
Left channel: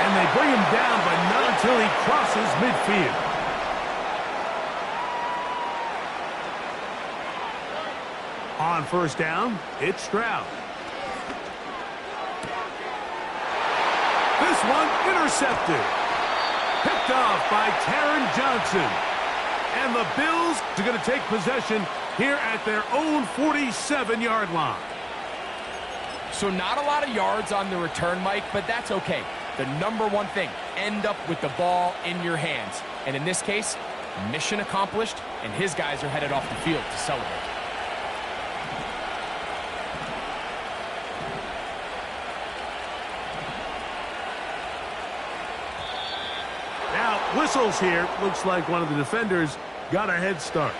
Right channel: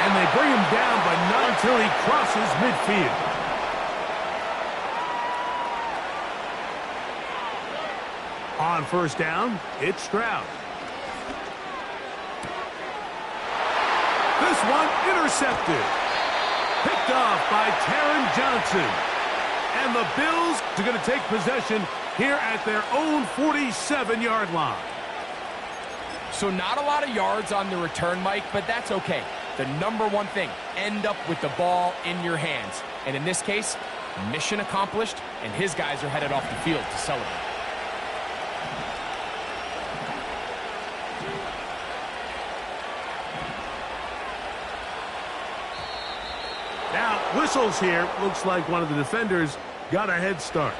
And they bring him down, but not until he crosses midfield. On first down, it's Stroud. This one intercepted. Picked off by Taron Johnson. And the Bills are going to take possession here at their own 47-yard line. So not a lot of yards on the return, Mike, but that's okay. The number one thing, end up with the ball in your hands. And in this case, mission accomplished, and his guys are headed off the field to celebrate. Now, whistles here. Looks like one of the defenders got a head start.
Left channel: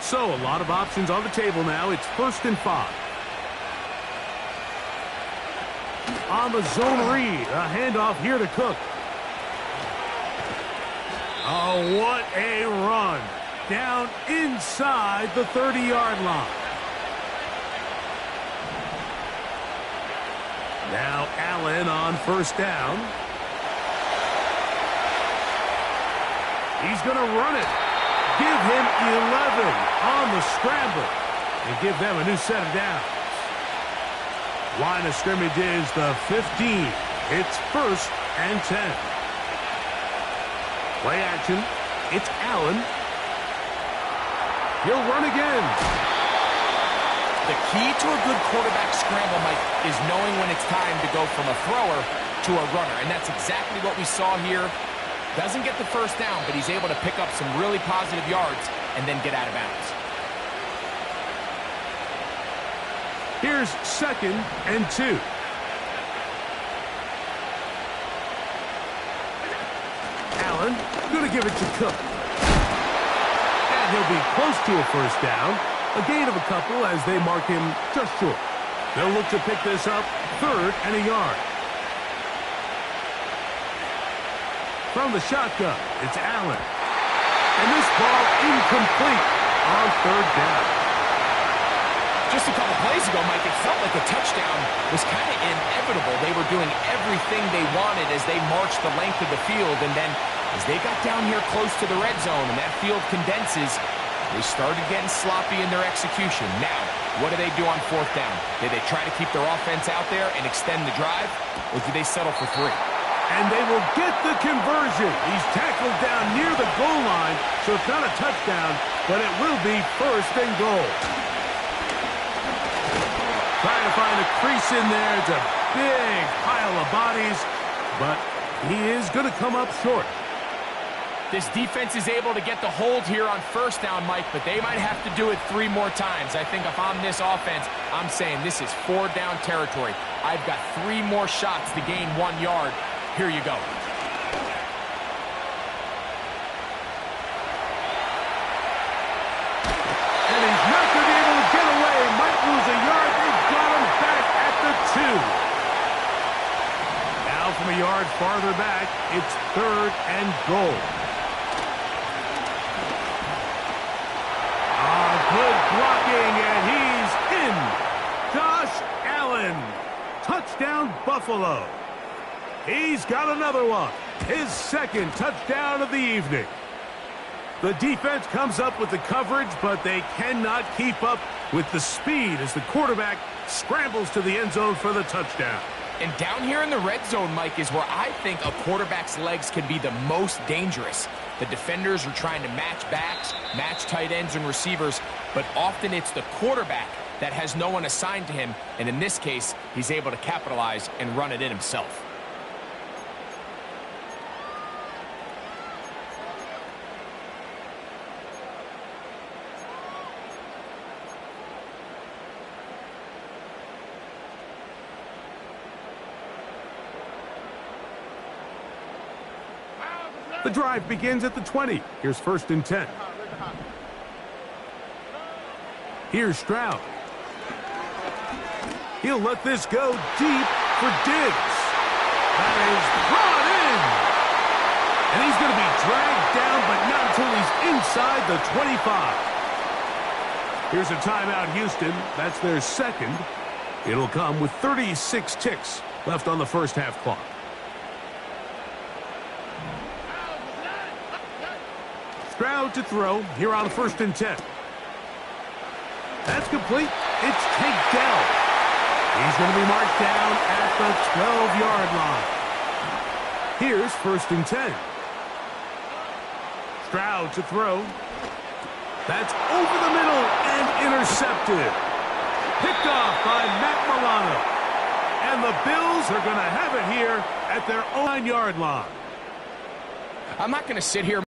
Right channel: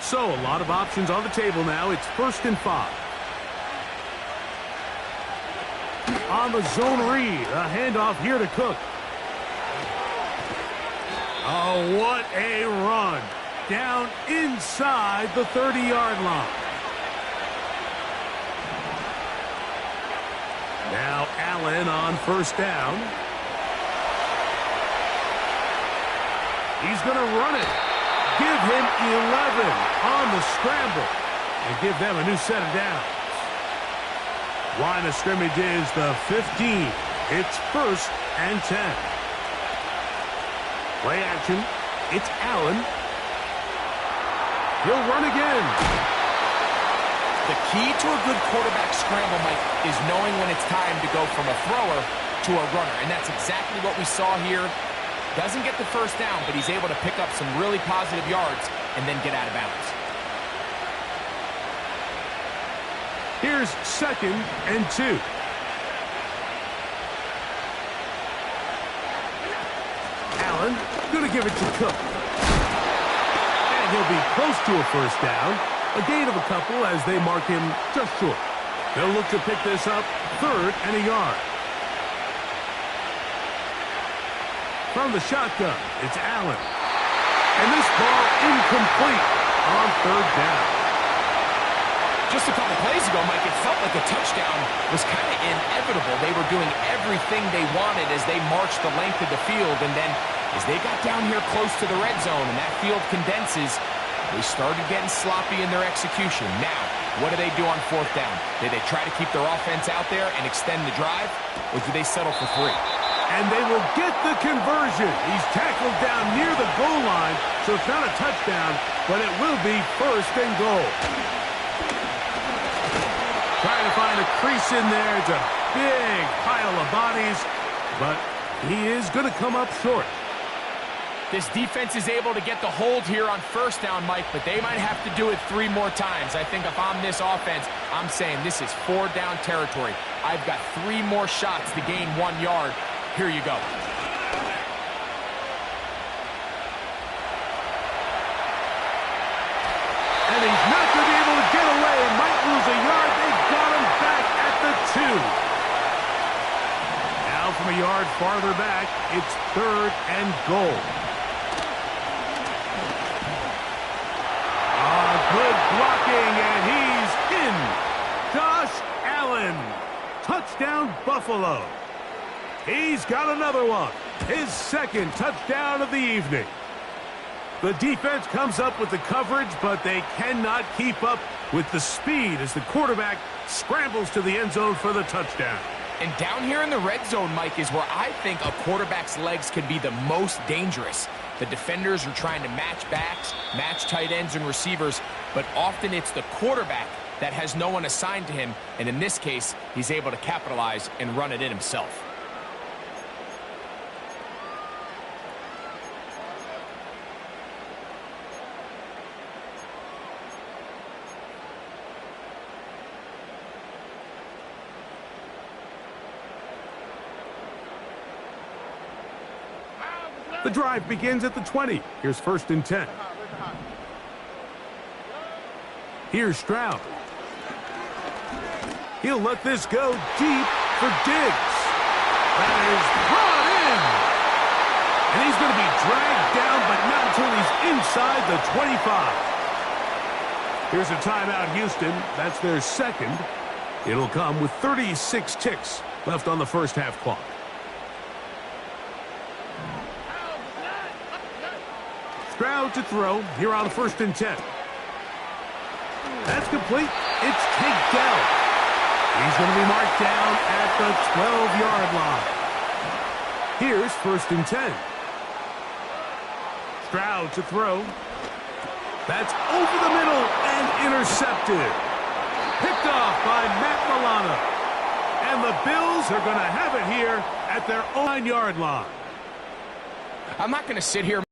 So, a lot of options on the table now. It's 1st and 5. On the zone read, a handoff here to Cook. Oh, what a run. Down inside the 30-yard line. Now Allen on first down. He's going to run it. Give him 11 on the scramble and give them a new set of downs. Line of scrimmage is the 15. It's 1st and 10. Play action. It's Allen. He'll run again. The key to a good quarterback scramble, Mike, is knowing when it's time to go from a thrower to a runner. And that's exactly what we saw here. Doesn't get the first down, but he's able to pick up some really positive yards and then get out of bounds. Here's 2nd and 2. Allen going to give it to Cook. And he'll be close to a first down. A gain of a couple as they mark him just short. They'll look to pick this up 3rd and a yard. From the shotgun, it's Allen. And this ball incomplete on 3rd down. Just a couple plays ago, Mike, it felt like a touchdown was kind of inevitable. They were doing everything they wanted as they marched the length of the field. And then as they got down here close to the red zone and that field condenses, they started getting sloppy in their execution. Now, what do they do on 4th down? Do they try to keep their offense out there and extend the drive, or do they settle for 3? And they will get the conversion. He's tackled down near the goal line, so it's not a touchdown, but it will be 1st and goal. Trying to find a crease in there. It's a big pile of bodies, but he is going to come up short. This defense is able to get the hold here on 1st down, Mike, but they might have to do it 3 more times. I think if I'm this offense, I'm saying this is 4 down territory. I've got 3 more shots to gain 1 yard. Here you go. And he's not going to be able to get away. Might lose a yard. They've got him back at the 2. Now from a yard farther back, it's 3rd and goal. Good blocking, and he's in. Josh Allen. Touchdown, Buffalo. He's got another one. His 2nd touchdown of the evening. The defense comes up with the coverage, but they cannot keep up with the speed as the quarterback scrambles to the end zone for the touchdown. And down here in the red zone, Mike, is where I think a quarterback's legs can be the most dangerous. The defenders are trying to match backs, match tight ends and receivers, but often it's the quarterback that has no one assigned to him, and in this case, he's able to capitalize and run it in himself. The drive begins at the 20. Here's 1st and 10. Here's Stroud. He'll let this go deep for Diggs. That is brought in. And he's going to be dragged down, but not until he's inside the 25. Here's a timeout, Houston. That's their 2nd. It'll come with 36 ticks left on the first half clock. Stroud to throw here on 1st and 10. That's complete. It's Tank Dell. He's going to be marked down at the 12-yard line. Here's 1st and 10. Stroud to throw. That's over the middle and intercepted. Picked off by Matt Milano. And the Bills are going to have it here at their own 9-yard line. I'm not going to sit here